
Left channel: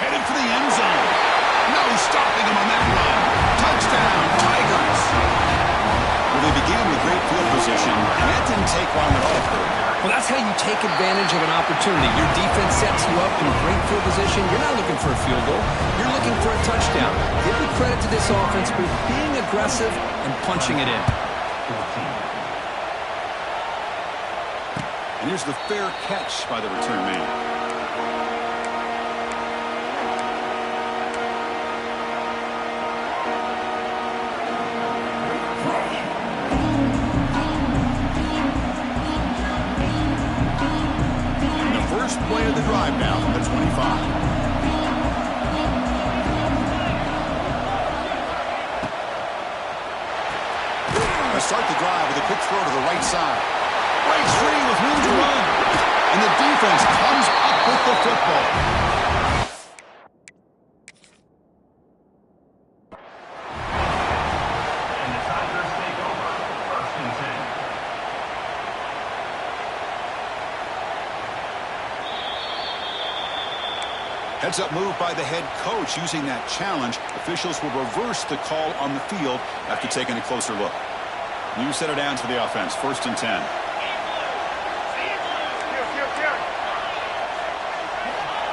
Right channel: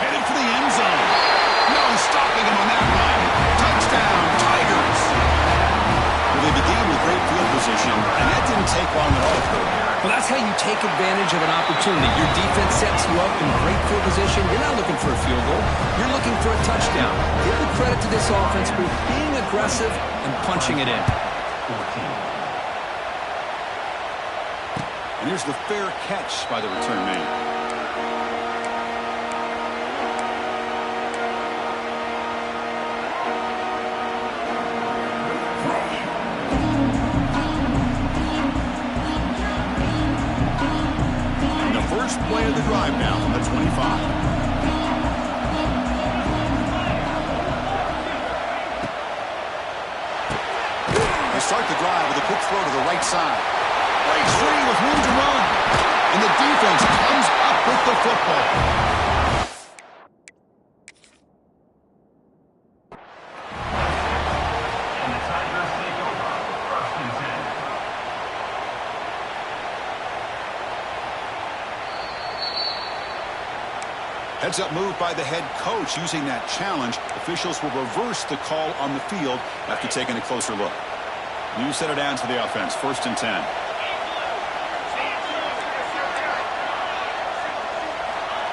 Headed for the end zone. No stopping him on that run. Touchdown, Tigers. Well, they began with great field position, and that didn't take long at all for them. Well, that's how you take advantage of an opportunity. Your defense sets you up in great field position. You're not looking for a field goal. You're looking for a touchdown. Give the credit to this offense for being aggressive and punching it in. And here's the fair catch by the return man. Play of the drive now from the 25. They start the drive with a quick throw to the right side. Breaks free with room to run. And the defense comes up with the football. And the Tigers take over 1st and 10. Heads-up move by the head coach using that challenge. Officials will reverse the call on the field after taking a closer look. New setter down to the offense. 1st and 10.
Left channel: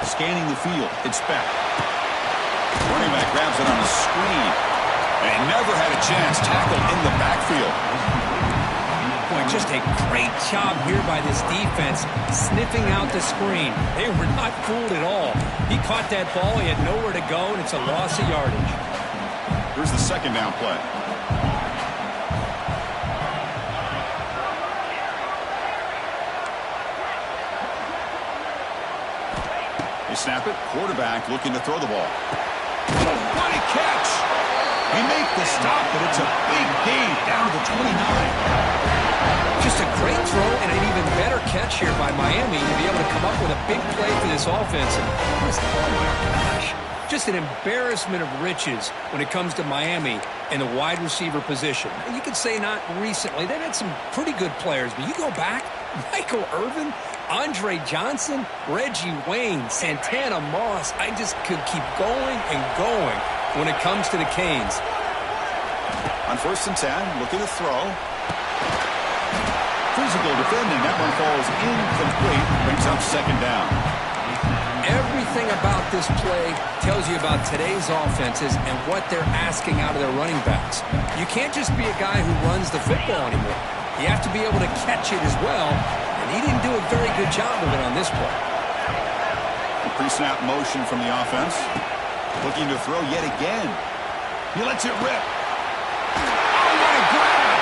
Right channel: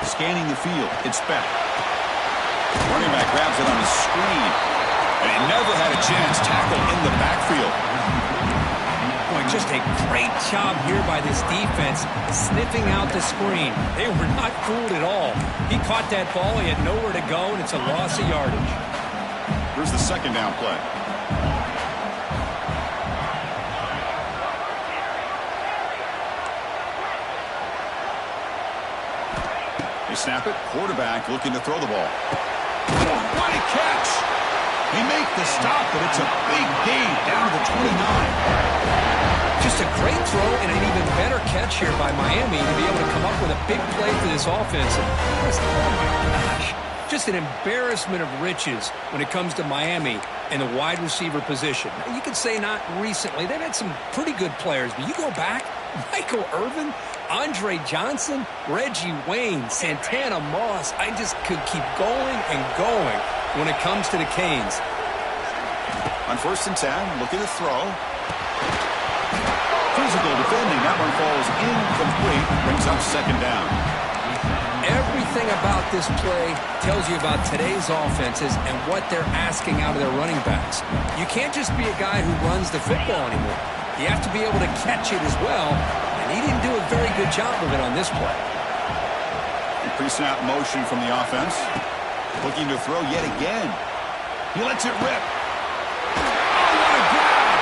Scanning the field. It's back. Running back grabs it on the screen. And he never had a chance. Tackled in the backfield. Boy, boy, just a great job here by this defense, sniffing out the screen. They were not fooled at all. He caught that ball. He had nowhere to go, and it's a loss of yardage. Here's the second down play. They snap it. Quarterback looking to throw the ball. What a catch! They make the stop, but it's a big gain down to the 29. Just a great throw and an even better catch here by Miami to be able to come up with a big play for this offense. And oh my gosh, just an embarrassment of riches when it comes to Miami in the wide receiver position. You could say not recently. They've had some pretty good players, but you go back, Michael Irvin, Andre Johnson, Reggie Wayne, Santana Moss. I just could keep going and going when it comes to the Canes. On 1st and 10, looking to throw. Physical defending. That one falls incomplete. Brings up second down. Everything about this play tells you about today's offenses and what they're asking out of their running backs. You can't just be a guy who runs the football anymore. You have to be able to catch it as well, and he didn't do a very good job of it on this play. Pre-snap motion from the offense. Looking to throw yet again. He lets it rip. Oh, what a grab!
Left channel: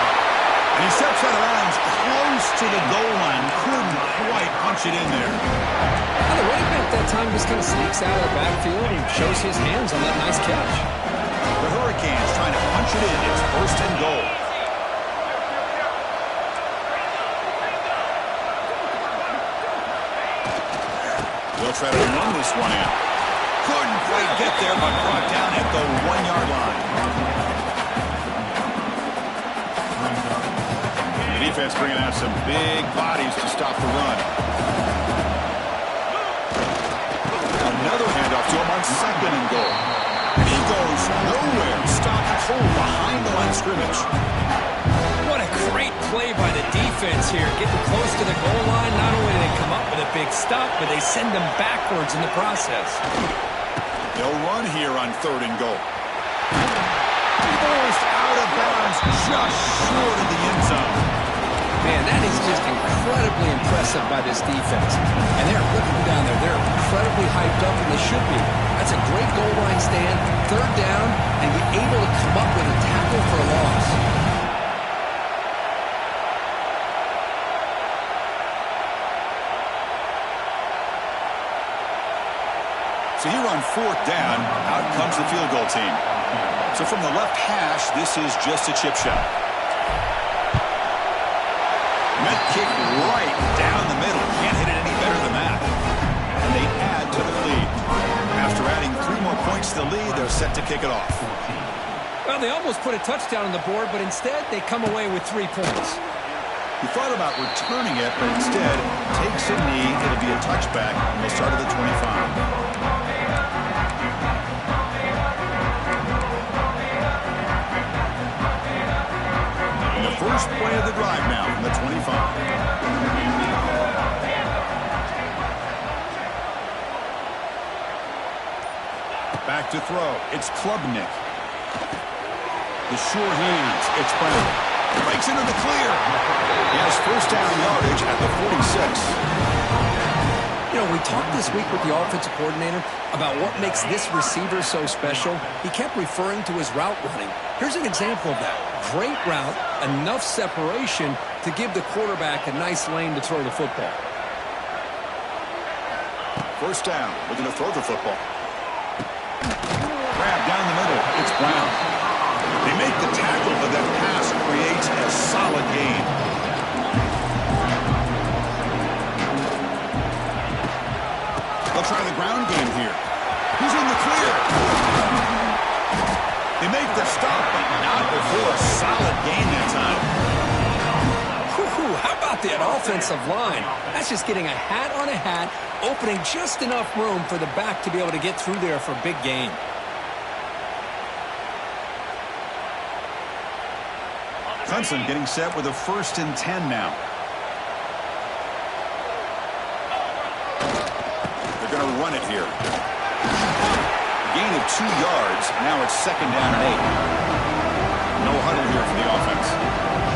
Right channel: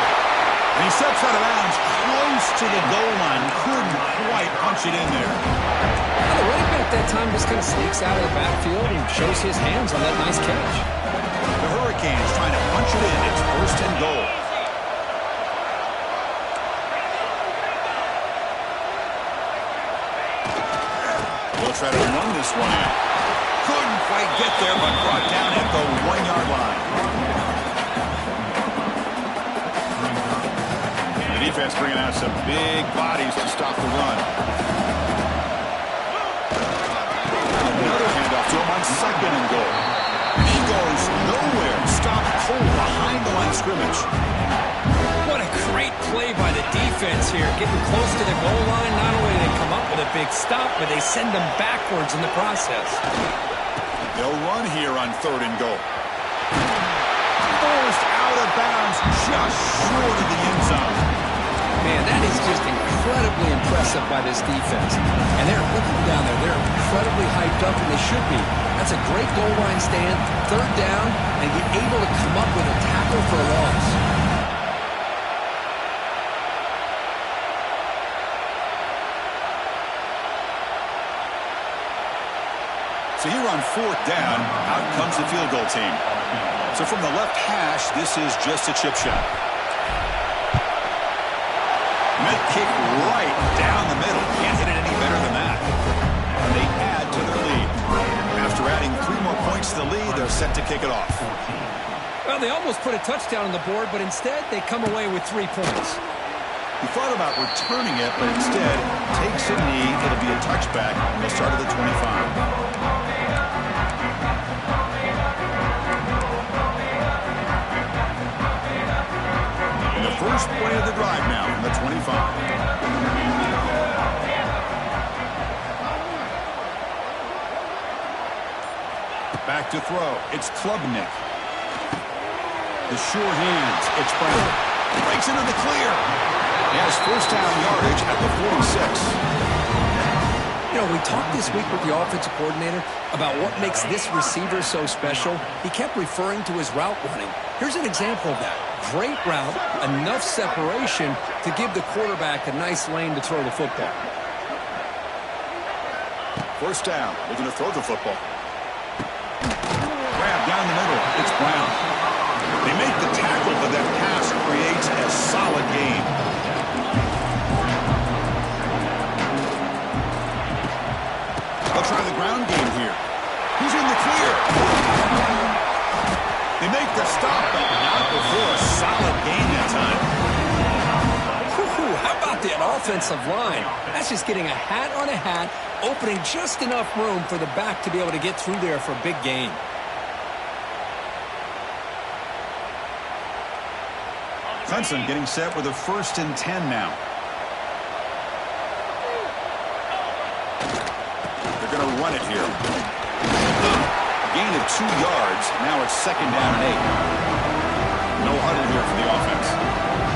And he steps out of bounds close to the goal line. Couldn't quite punch it in there. Well, the running back that time just kind of sneaks out of the backfield and shows his hands on that nice catch. The Hurricanes trying to punch it in. It's 1st and goal. They'll try to run this one in. Couldn't quite get there, but brought down at the 1-yard line. The defense bringing out some big bodies to stop the run. Another handoff to him on 2nd and goal. And he goes nowhere. Stopped cold behind the line of scrimmage. What a great play by the defense here. Getting close to the goal line, not only do they come up with a big stop, but they send them backwards in the process. They'll run here on 3rd and goal. Forced out of bounds just short of the end zone. Man, that is just incredibly impressive by this defense. And they're looking down there. They're incredibly hyped up, and they should be. That's a great goal line stand, 3rd down, and get able to come up with a tackle for a loss. So here on 4th down, out comes the field goal team. So from the left hash, this is just a chip shot. Met kick right down the middle. Can't hit it any better than that. And they add to their lead. After adding 3 more points to the lead, they're set to kick it off. Well, they almost put a touchdown on the board, but instead they come away with 3 points. He thought about returning it, but instead takes a knee. It'll be a touchback, and they'll start at the 25. First play of the drive now from the 25. Back to throw. It's Klubnik. The short hands. It's Brown. Breaks into the clear. He has 1st down yardage at the 46. You know, we talked this week with the offensive coordinator about what makes this receiver so special. He kept referring to his route running. Here's an example of that. Great route, enough separation to give the quarterback a nice lane to throw the football. 1st down, looking to throw the football. Grab down the middle, it's Brown. They make the tackle, but that pass creates a solid gain. They'll try the ground game here. He's in the clear. They make the stop, but not before a solid gain that time. How about that offensive line? That's just getting a hat on a hat, opening just enough room for the back to be able to get through there for a big gain. Clemson getting set with a 1st and 10 now. They're going to run it here. A gain of 2 yards. Now it's 2nd down and 8. No huddle here for the offense.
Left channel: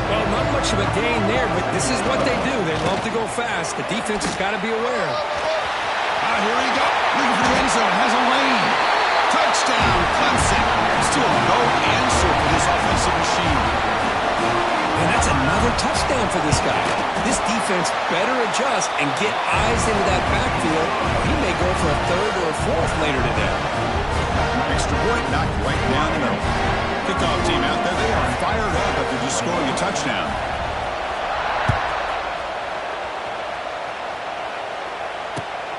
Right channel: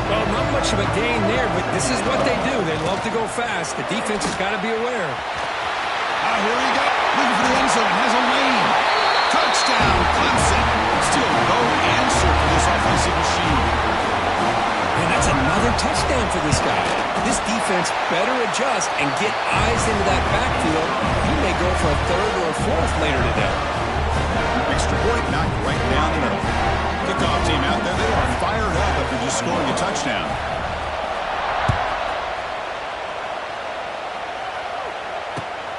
Well, not much of a gain there, but this is what they do. They love to go fast. The defense has got to be aware. Here he goes. Looking for the end zone. Has a lane. Touchdown, Clemson. Still no answer for this offensive machine. And that's another touchdown for this guy. This defense better adjust and get eyes into that backfield. He may go for a third or a fourth later today. Extra point knocked right down the middle. Kickoff team out there. They are fired up after just scoring a touchdown.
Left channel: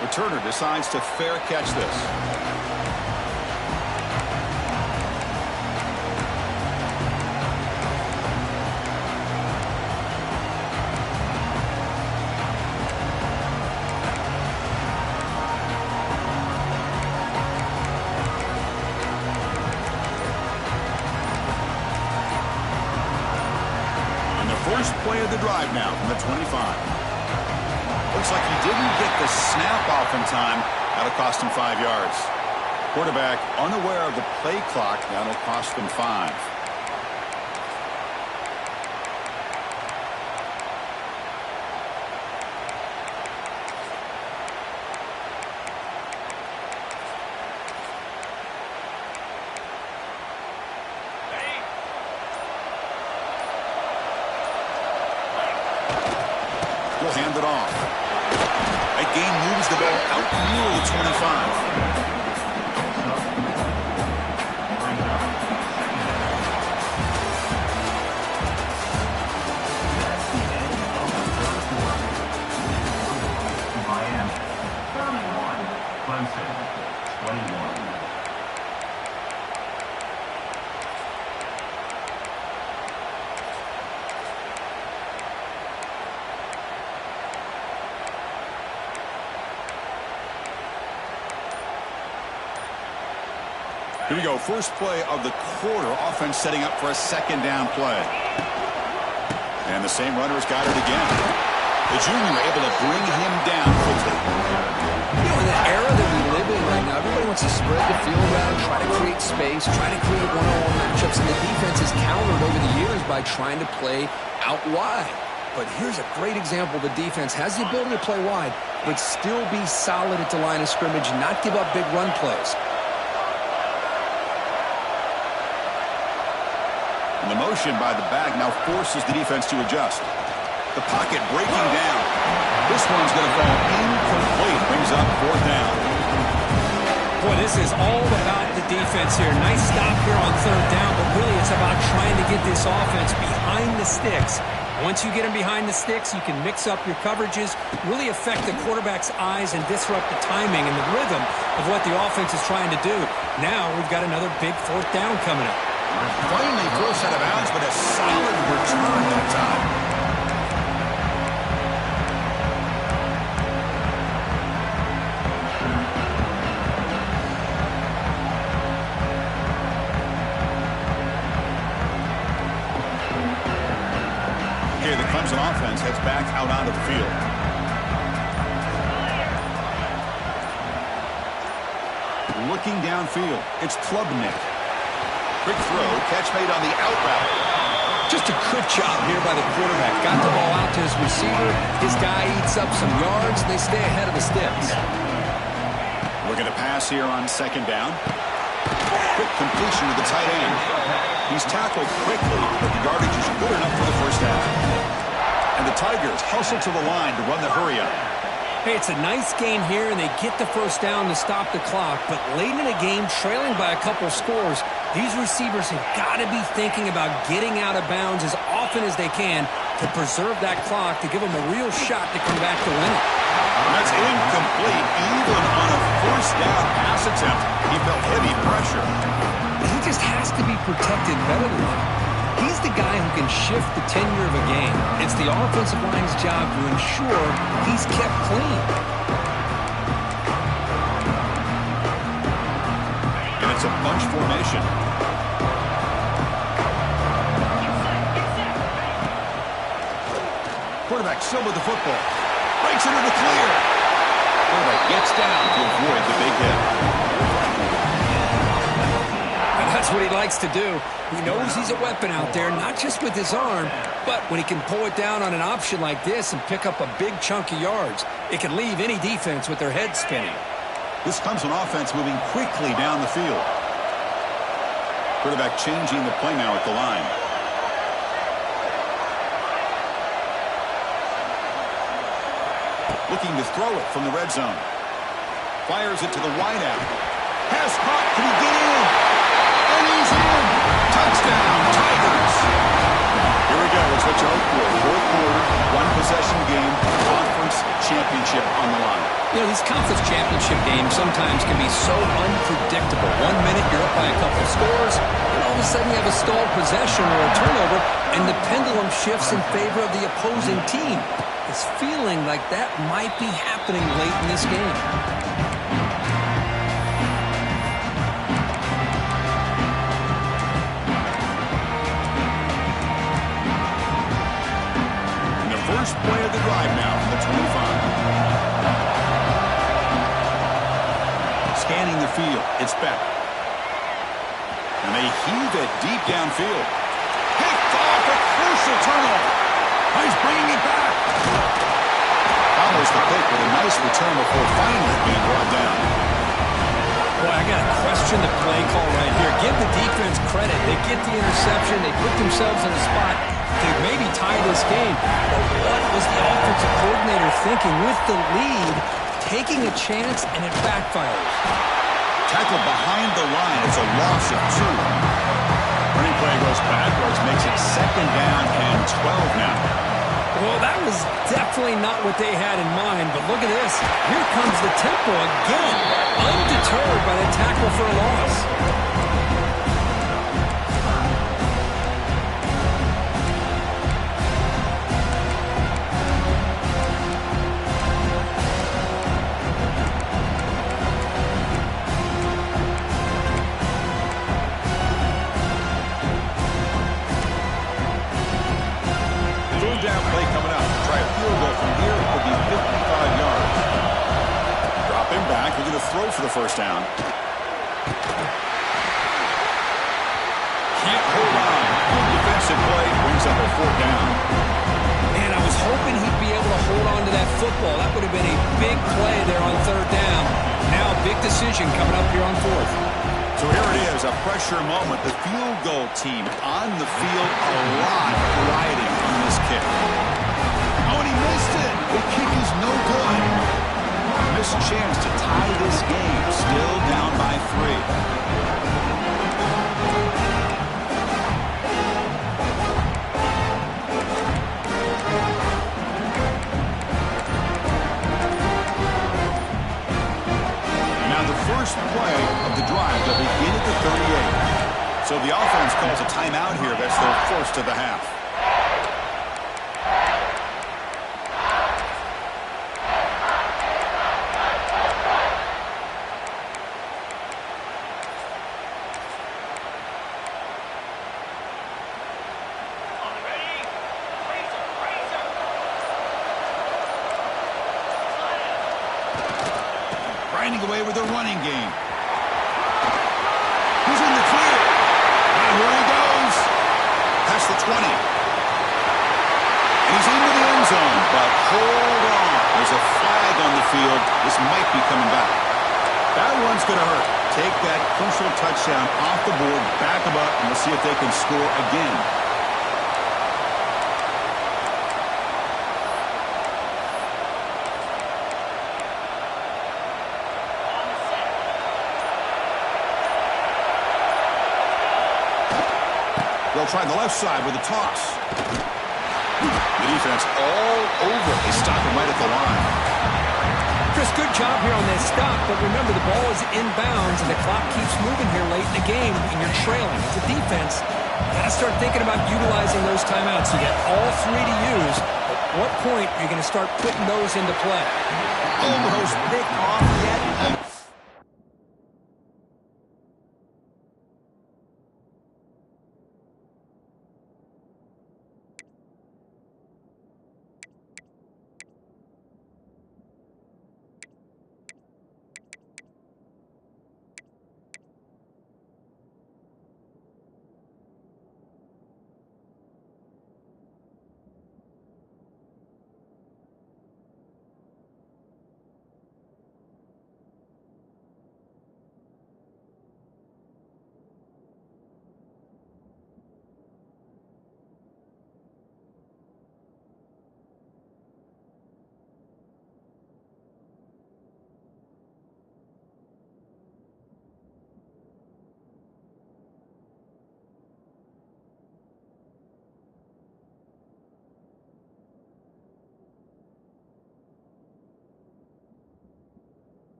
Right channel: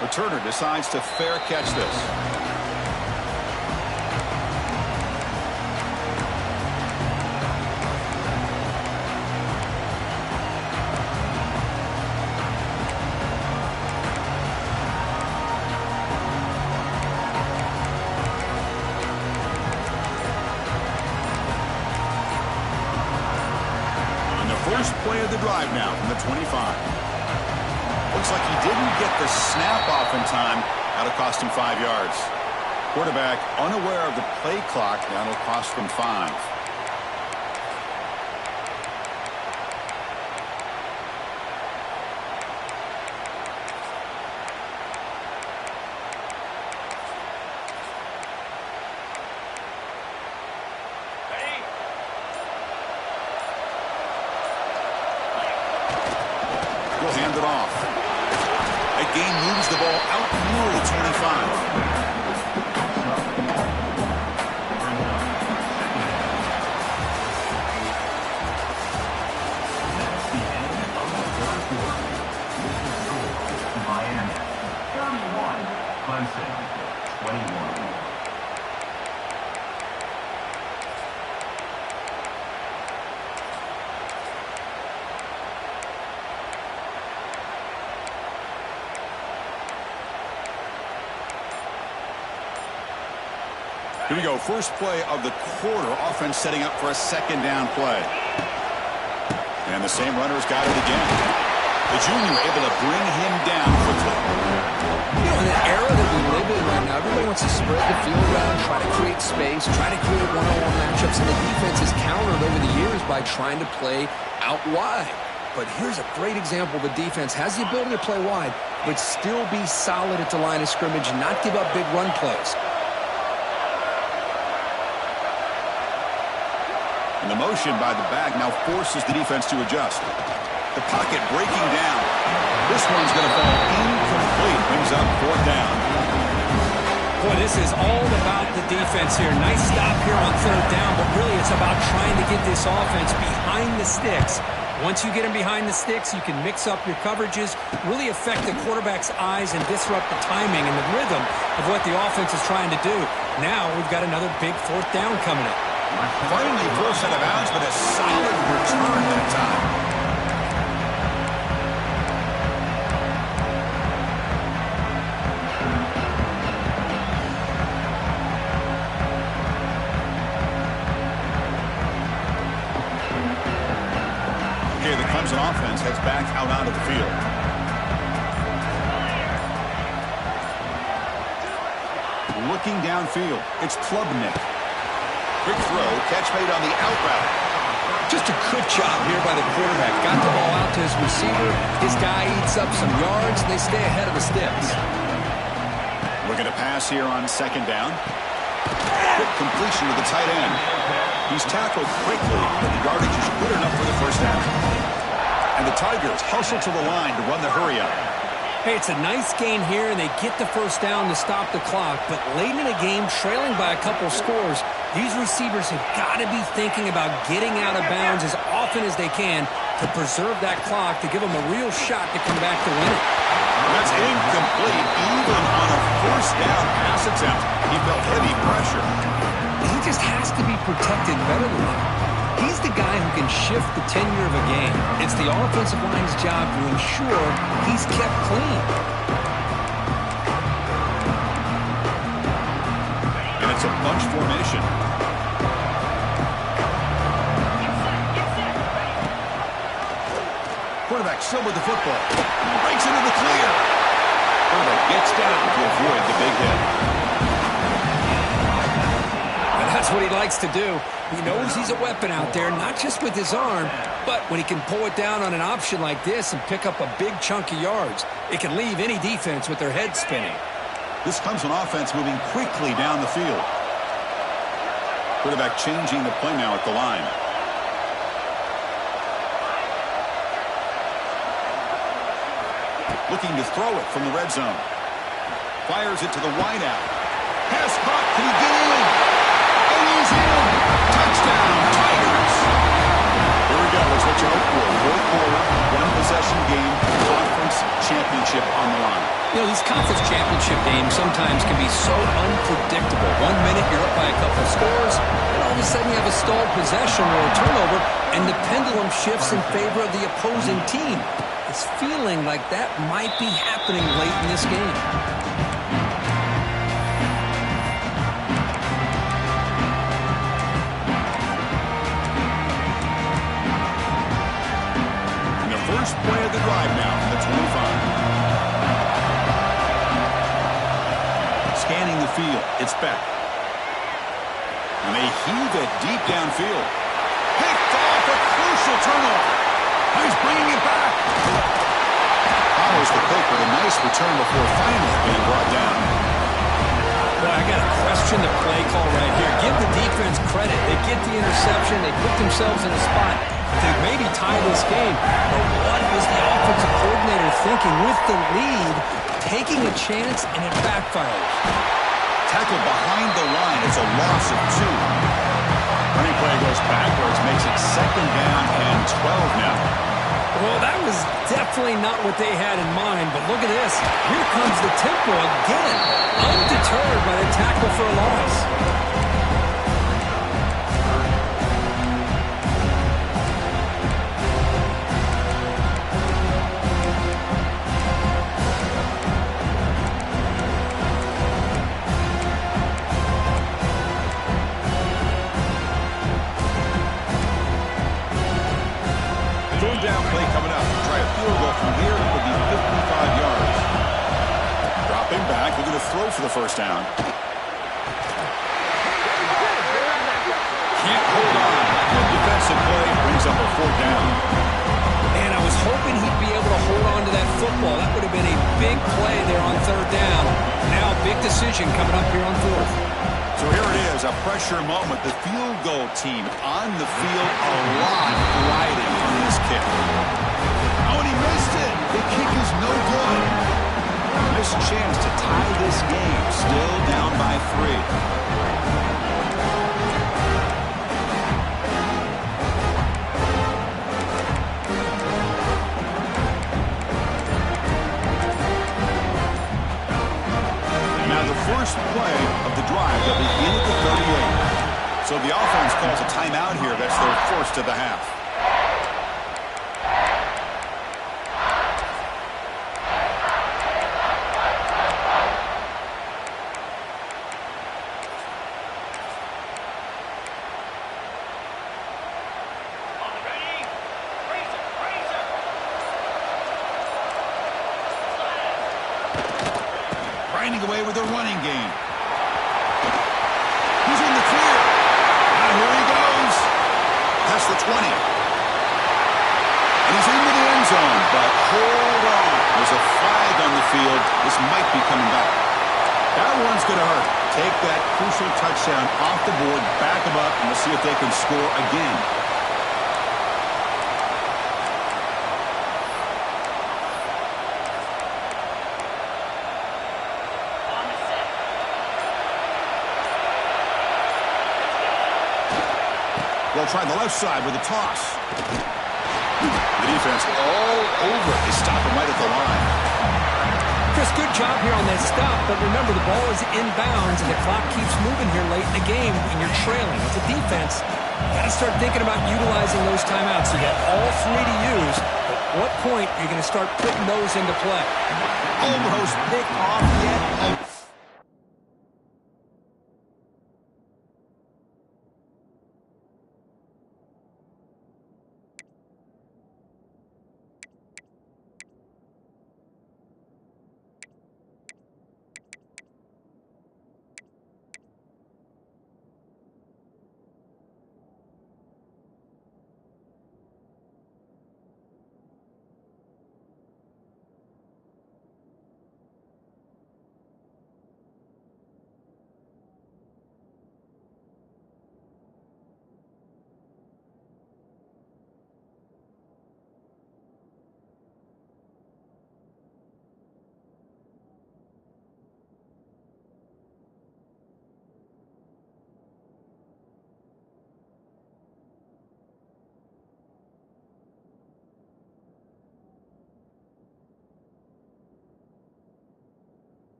Returner decides to fair catch this. First play of the drive now from the 25. Looks like he didn't get the snap off in time. That'll cost him 5 yards. Quarterback unaware of the play clock. That'll cost them 5. He'll hand it off. That gain moves the ball out near the 25. Brings up second down. That's the end of the third quarter. Miami 31, Clemson 21. Here we go. First play of the quarter. Offense setting up for a second down play. And the same runner's got it again. The junior able to bring him down quickly. You know, in the era that we live in right now, everybody wants to spread the field around, try to create space, try to create one-on-one matchups, and the defense has countered over the years by trying to play out wide. But here's a great example. The defense has the ability to play wide, but still be solid at the line of scrimmage and not give up big run plays. And the motion by the back now forces the defense to adjust. The pocket breaking down. This one's going to fall incomplete. Brings up fourth down. Boy, this is all about the defense here. Nice stop here on third down, but really it's about trying to get this offense behind the sticks. Once you get them behind the sticks, you can mix up your coverages, really affect the quarterback's eyes and disrupt the timing and the rhythm of what the offense is trying to do. Now we've got another big fourth down coming up. Finally forced out of bounds, but a solid return that time. Okay, the Clemson offense heads back out onto the field. Looking downfield, it's Klubnik. Quick throw, catch made on the out route. Just a good job here by the quarterback. Got the ball out to his receiver. His guy eats up some yards, and they stay ahead of the sticks. Looking to pass here on second down. Quick completion to the tight end. He's tackled quickly, but the yardage is good enough for the first down. And the Tigers hustle to the line to run the hurry up. Hey, it's a nice gain here, and they get the first down to stop the clock. But late in a game, trailing by a couple scores, these receivers have got to be thinking about getting out of bounds as often as they can to preserve that clock, to give them a real shot to come back to win it. That's incomplete. Even on a first down pass attempt, he felt heavy pressure. He just has to be protected better than that. He's the guy who can shift the tenure of a game. It's the offensive line's job to ensure he's kept clean. And it's a bunch formation. Quarterback still with the football. Breaks into the clear. Quarterback gets down to avoid the big hit. And That's what he likes to do. He knows he's a weapon out there, not just with his arm, but when he can pull it down on an option like this and pick up a big chunk of yards, it can leave any defense with their head spinning. This comes an offense moving quickly down the field. Quarterback changing the play now at the line. Looking to throw it from the red zone. Fires it to the wideout. Pass caught. Can he get in? And he's in. Touchdown, Tigers. Here we go. It's what you hope for. Fourth quarter, one-possession game, conference championship on the line. You know, these conference championship games sometimes can be so unpredictable. 1 minute you're up by a couple of scores, and all of a sudden you have a stalled possession or a turnover, and the pendulum shifts in favor of the opposing team. It's feeling like that might be happening late in this game. And the first play of the drive now from the 25. Scanning the field, it's Beck. And they heave it deep downfield. Picked off, a crucial turnover. Oh, he's bringing it back. Follows the pick with a nice return before finally being brought down. Boy, I got to question the play call right here. Give the defense credit. They get the interception. They put themselves in a spot to maybe tie this game. But what was the offensive coordinator thinking with the lead, taking a chance, and it backfires? Tackled behind the line. It's a loss of 2. Running play goes backwards, makes it 2nd down and 12 now. Well, that was definitely not what they had in mind, but look at this. Here comes the tempo again, undeterred by the tackle for a loss. Third down play coming up. Try a field goal from here. It could be 55 yards. Dropping back. Looking to throw for the first down. Can't hold on. Good defensive play. Brings up a 4th down. Man, I was hoping he'd be able to hold on to that football. That would have been a big play there on 3rd down. Now, big decision coming up here on 4th. So here it is, a pressure moment. The field goal team on the field, a lot riding on this kick. Oh, and he missed it. The kick is no good. Missed chance to tie this game. Still down by 3. First play of the drive. They'll begin at the 38. So the offense calls a timeout here. That's their first of the half. Grinding away with a running game. He's in the clear. Now here he goes. Past the 20. And he's into the end zone, but hold on. There's a flag on the field. This might be coming back. That one's going to hurt. Take that crucial touchdown off the board, back them up, and we'll see if they can score again. They'll try the left side with a toss. The defense all over it. They stop him right at the line. Chris, good job here on that stop, but remember the ball is inbounds and the clock keeps moving here late in the game and you're trailing. As a defense, you got to start thinking about utilizing those timeouts. You got all 3 to use. At what point are you going to start putting those into play? Almost picked off yet again.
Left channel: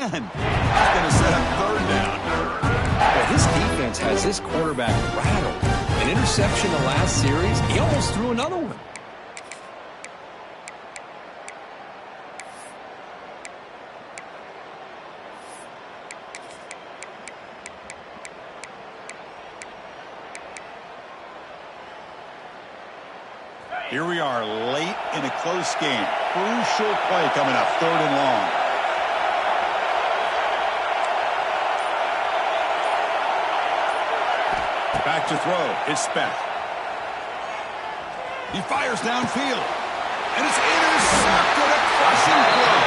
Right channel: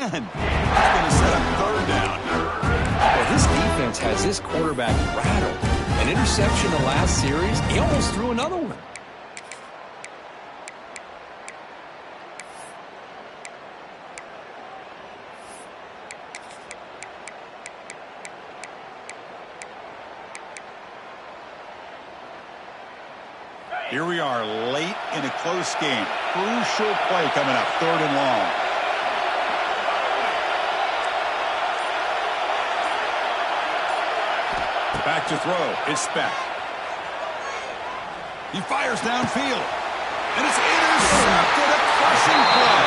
And it's going to set up third down. Well, this defense has this quarterback rattled. An interception the last series, he almost threw another one. Here we are late in a close game. Crucial play coming up, 3rd and long. Back to throw. It's Speck. He fires downfield. And it's intercepted. A crushing play.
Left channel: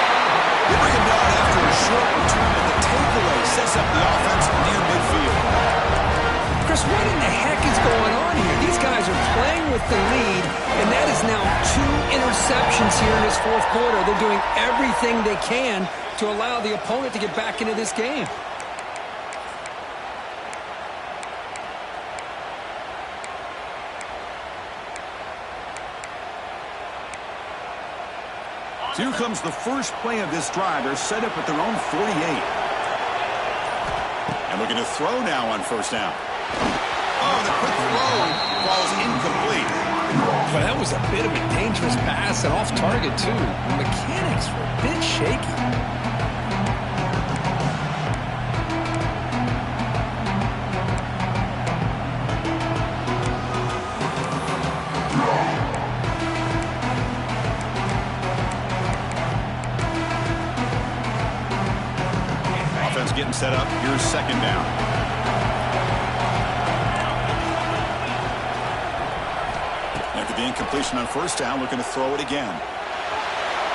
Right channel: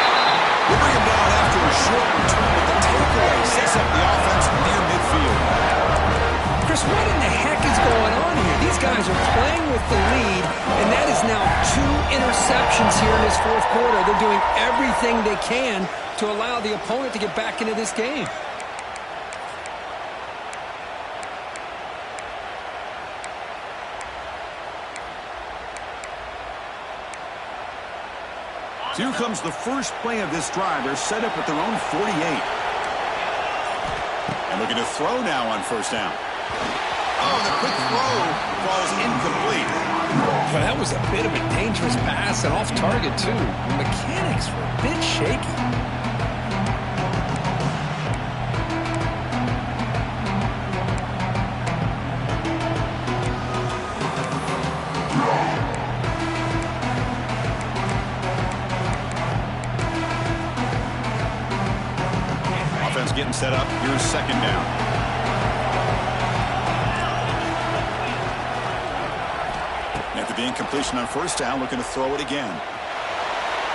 They bring him down after a short return, but the takeaway sets up the offense near midfield. Chris, what in the heck is going on here? These guys are playing with the lead, and that is now 2 interceptions here in this 4th quarter. They're doing everything they can to allow the opponent to get back into this game. So here comes the first play of this drive. They're set up at their own 48. And looking to throw now on 1st down. Oh, the quick throw falls incomplete. Well, that was a bit of a dangerous pass and off target, too. The mechanics were a bit shaky. Offense getting set up. Here's 2nd down. After the incompletion on 1st down, looking to throw it again.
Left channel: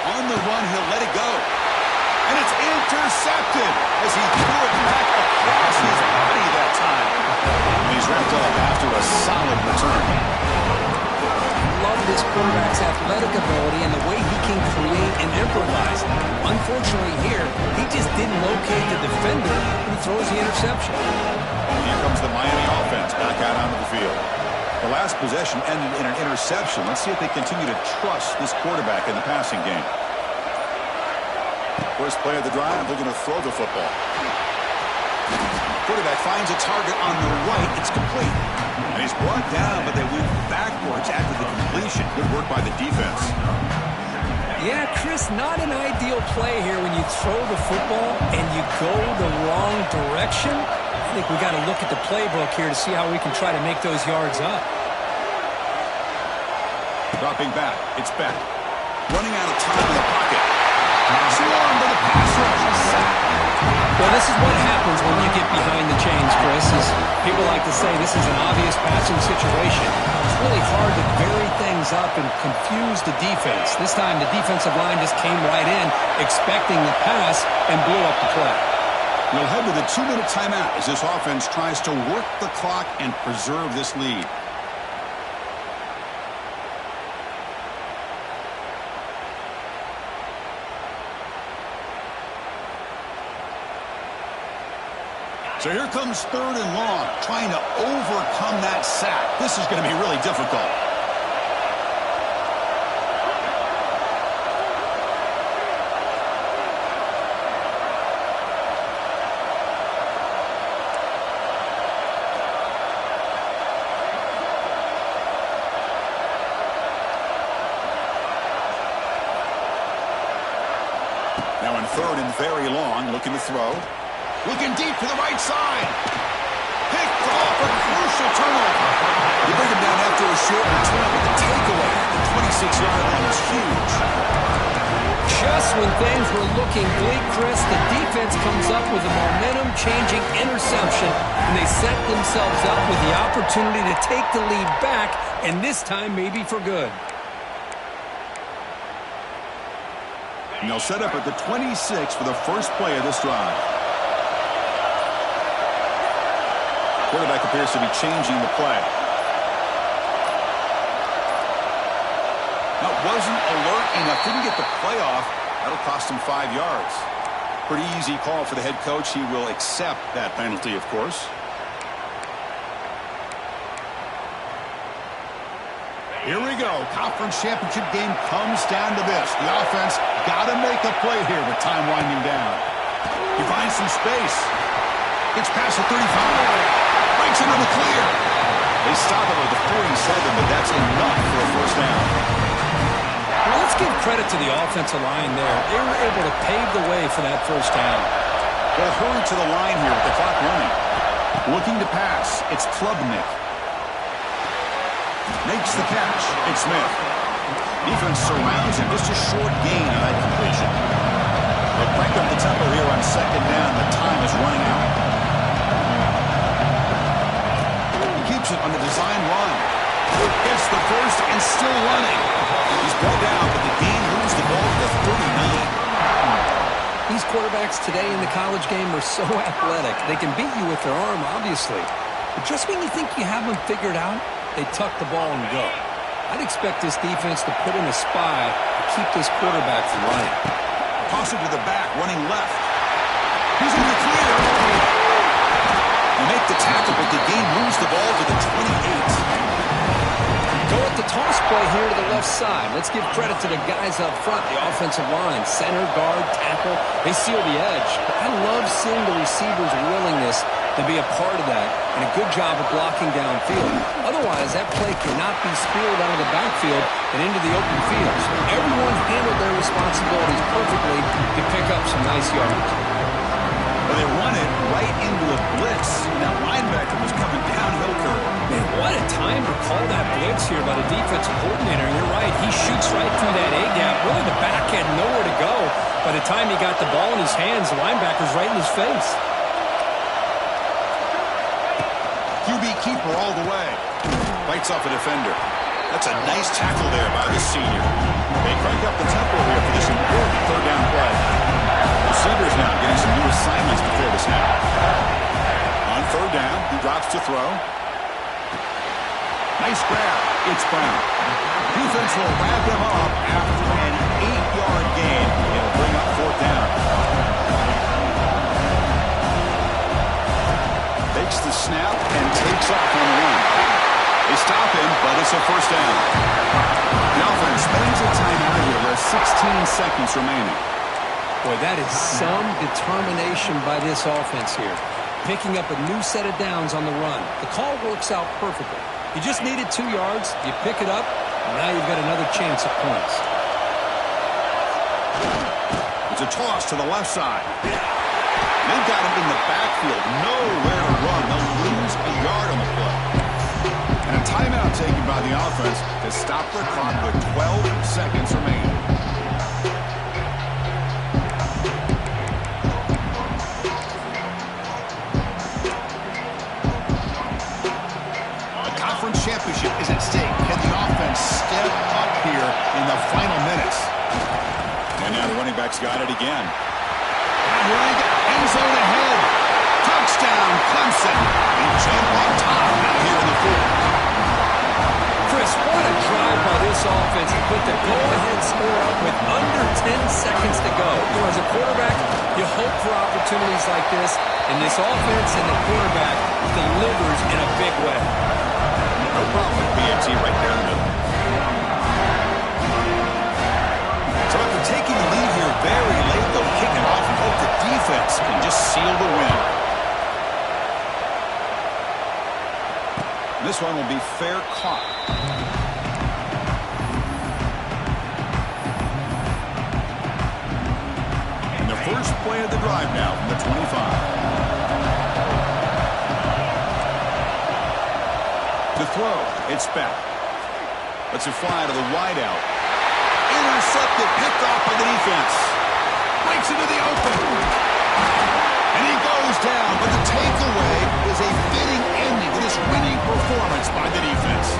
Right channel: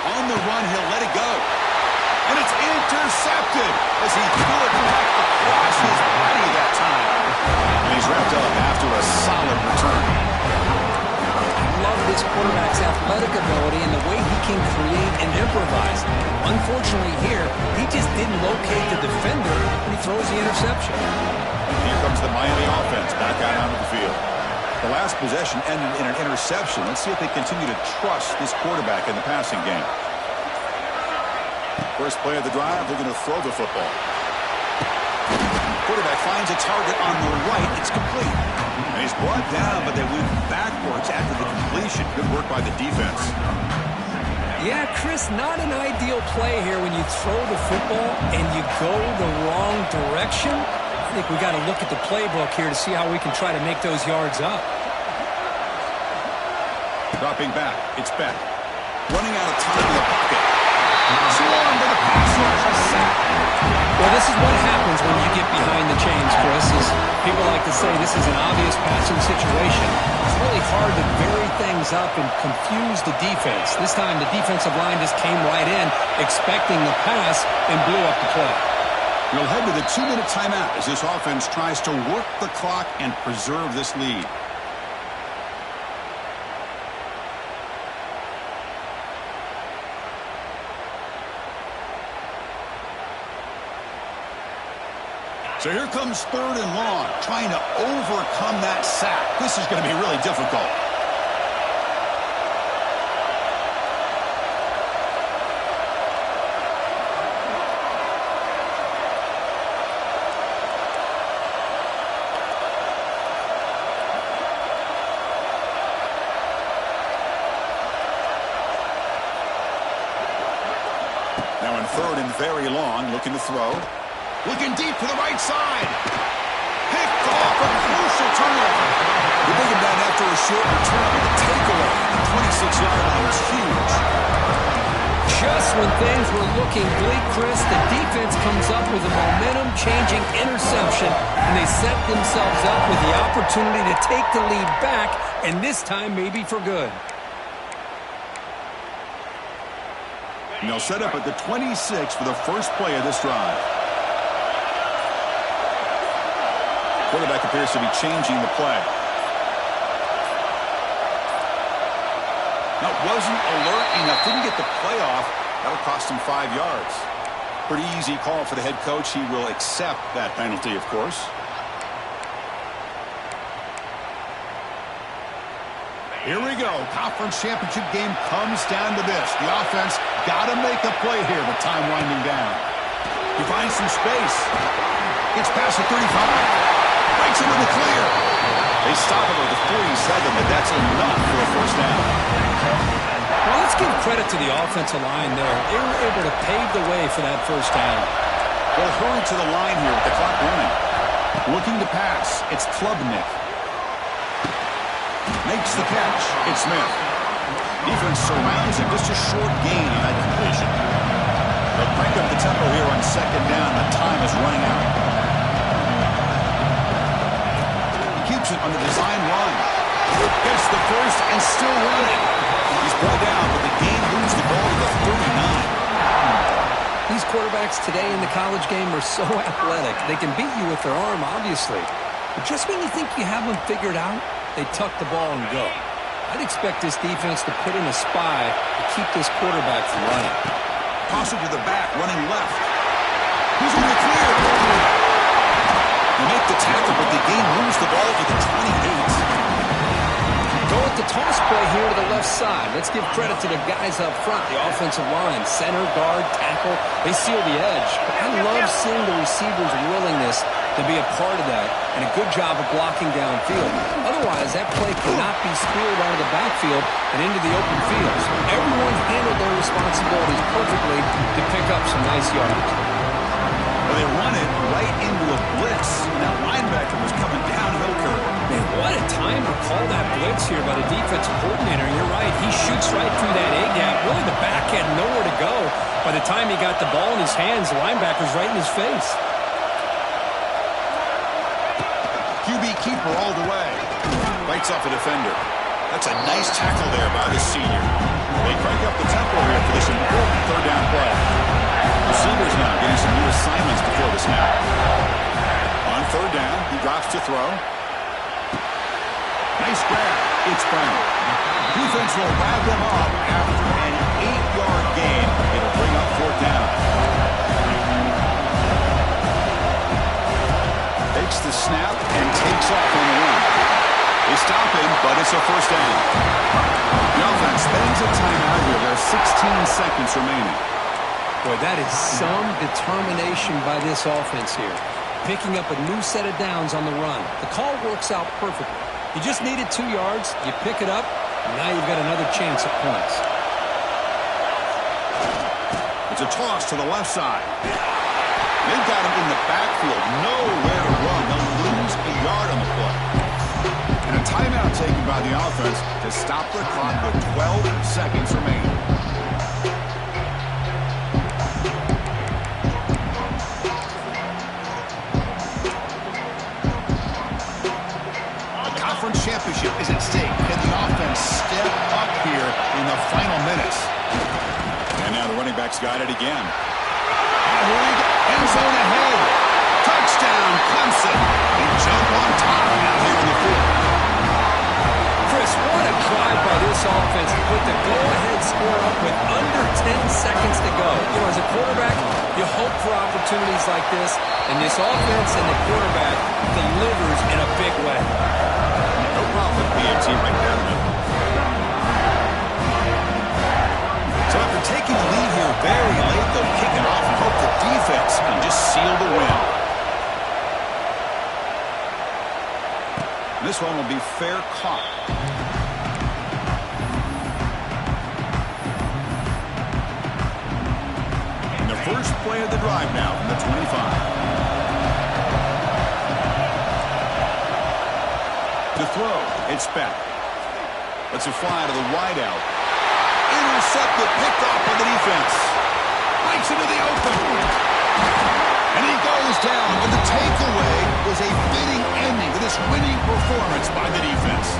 On the run, he'll let it go. And it's intercepted as he threw it back across his body that time. And he's wrapped up after a solid return. I love this quarterback's athletic ability and the way he can create and improvise. Unfortunately here, he just didn't locate the defender when he throws the interception. And here comes the Miami offense back out onto the field. The last possession ended in an interception. Let's see if they continue to trust this quarterback in the passing game. First play of the drive, looking to throw the football. Quarterback finds a target on the right. It's complete. And he's brought down, but they went backwards after the completion. Good work by the defense. Yeah, Chris, not an ideal play here when you throw the football and you go the wrong direction. I think we got to look at the playbook here to see how we can try to make those yards up. Dropping back, it's Beck. Running out of time in the pocket. Swarmed to the pass rush, a sack. Well, this is what happens when you get behind the chains, Chris. Is people like to say this is an obvious passing situation. It's really hard to vary things up and confuse the defense. This time the defensive line just came right in, expecting the pass, and blew up the play. We'll head to the 2-minute timeout as this offense tries to work the clock and preserve this lead. So here comes 3rd and long, trying to overcome that sack. This is going to be really difficult. Now in 3rd and very long, looking to throw. Looking deep to the right side. Picked off a crucial turnover. They bring him down after a short return, but the takeaway at the 26-yard line is huge. Just when things were looking bleak, Chris, the defense comes up with a momentum-changing interception, and they set themselves up with the opportunity to take the lead back, and this time maybe for good. And they'll set up at the 26 for the first play of this drive. Quarterback appears to be changing the play. Now, wasn't alert enough, didn't get the play off. That'll cost him 5 yards. Pretty easy call for the head coach. He will accept that penalty, of course. Here we go. Conference championship game comes down to this. The offense got to make a play here with time winding down. He finds some space. Gets past the 35. Breaks into the clear. They stop him at the 47, but that's enough for a first down. Well, let's give credit to the offensive line there. They were able to pave the way for that first down. They'll hurry to the line here with the clock running. Looking to pass. It's Klubnik. Makes the catch. It's Smith. Defense surrounds him. Just a short gain on that completion. They'll crank up the tempo here on second down. The time is running out. He keeps it on the design run. Gets the first and still running. He's brought down, but the game moves the ball to the 39. These quarterbacks today in the college game are so athletic. They can beat you with their arm, obviously. But just when you think you have them figured out, they tuck the ball and go. I'd expect this defense to put in a spy to keep this quarterback from running. Toss it to the back, running left. He's in the clear. They make the tackle, but the game moves the ball to the 28. Go with the toss play here to the left side. Let's give credit to the guys up front, the offensive line, center, guard, tackle. They seal the edge. But I love seeing the receivers' willingness to be a part of that and a good job of blocking downfield. Otherwise, that play cannot be spilled out of the backfield and into the open field. So everyone handled their responsibilities perfectly to pick up some nice yards. Well, they run it right into a blitz, and that linebacker was coming downhill curve. Man, what a time to call that blitz here by the defensive coordinator. And you're right, he shoots right through that A-gap. Really, the back had nowhere to go. By the time he got the ball in his hands, the linebacker's right in his face. QB keeper all the way. Bites off a defender. That's a nice tackle there by the senior. They crank up the tempo here for this important third down play. Receivers now getting some new assignments before the snap. On third down, he drops to throw. Nice grab. It's Brown. Defense will wrap him up after an 8-yard gain. It'll bring up fourth down. Takes the snap and takes off on the run. They stop him, but it's a first down. The offense spends a timeout here. There's 16 seconds remaining. Boy, that is some determination by this offense here. Picking up a new set of downs on the run. The call works out perfectly. You just needed 2 yards. You pick it up. And now you've got another chance at points. It's a toss to the left side. They've got him in the backfield. Nowhere to run. They'll lose a yard on the play. And a timeout taken by the offense to stop the clock with 12 seconds remaining. Championship is at stake. Can the offense step up here in the final minutes? And now the running back's got it again. And here we go. End zone ahead. Touchdown, Clemson. They jump on top now here in the fourth. Chris, what a drive by this offense to put the go-ahead score up with under 10 seconds to go. You know, as a quarterback, you hope for opportunities like this, and this offense and the quarterback delivers in a big way. No problem with PAT right down the middle. So after taking the lead here very late, they'll kick it off and hope the defense can just seal the win. This one will be fair caught. And the first play of the drive now from the 25. To throw, it's back. Lets it fly to the wideout. Intercepted, picked off by the defense. Breaks into the open. And he goes down, but the takeaway is a fitting ending to this winning performance by the defense.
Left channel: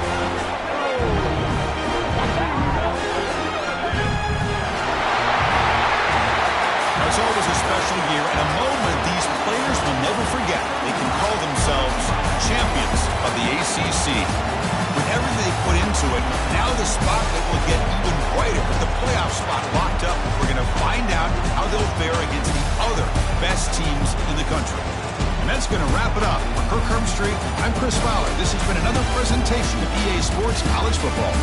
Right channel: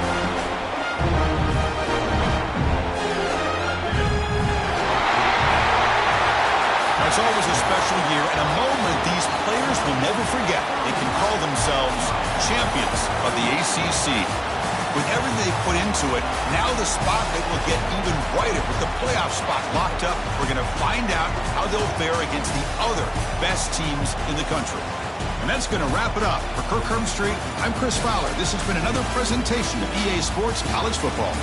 Now, it's always a special year and a moment these players will never forget. They can call themselves champions of the ACC. With everything they put into it, now the spotlight will get even brighter. With the playoff spot locked up, we're going to find out how they'll fare against the other best teams in the country. And that's going to wrap it up. For Kirk Herbstreit, I'm Chris Fowler. This has been another presentation of EA Sports College Football.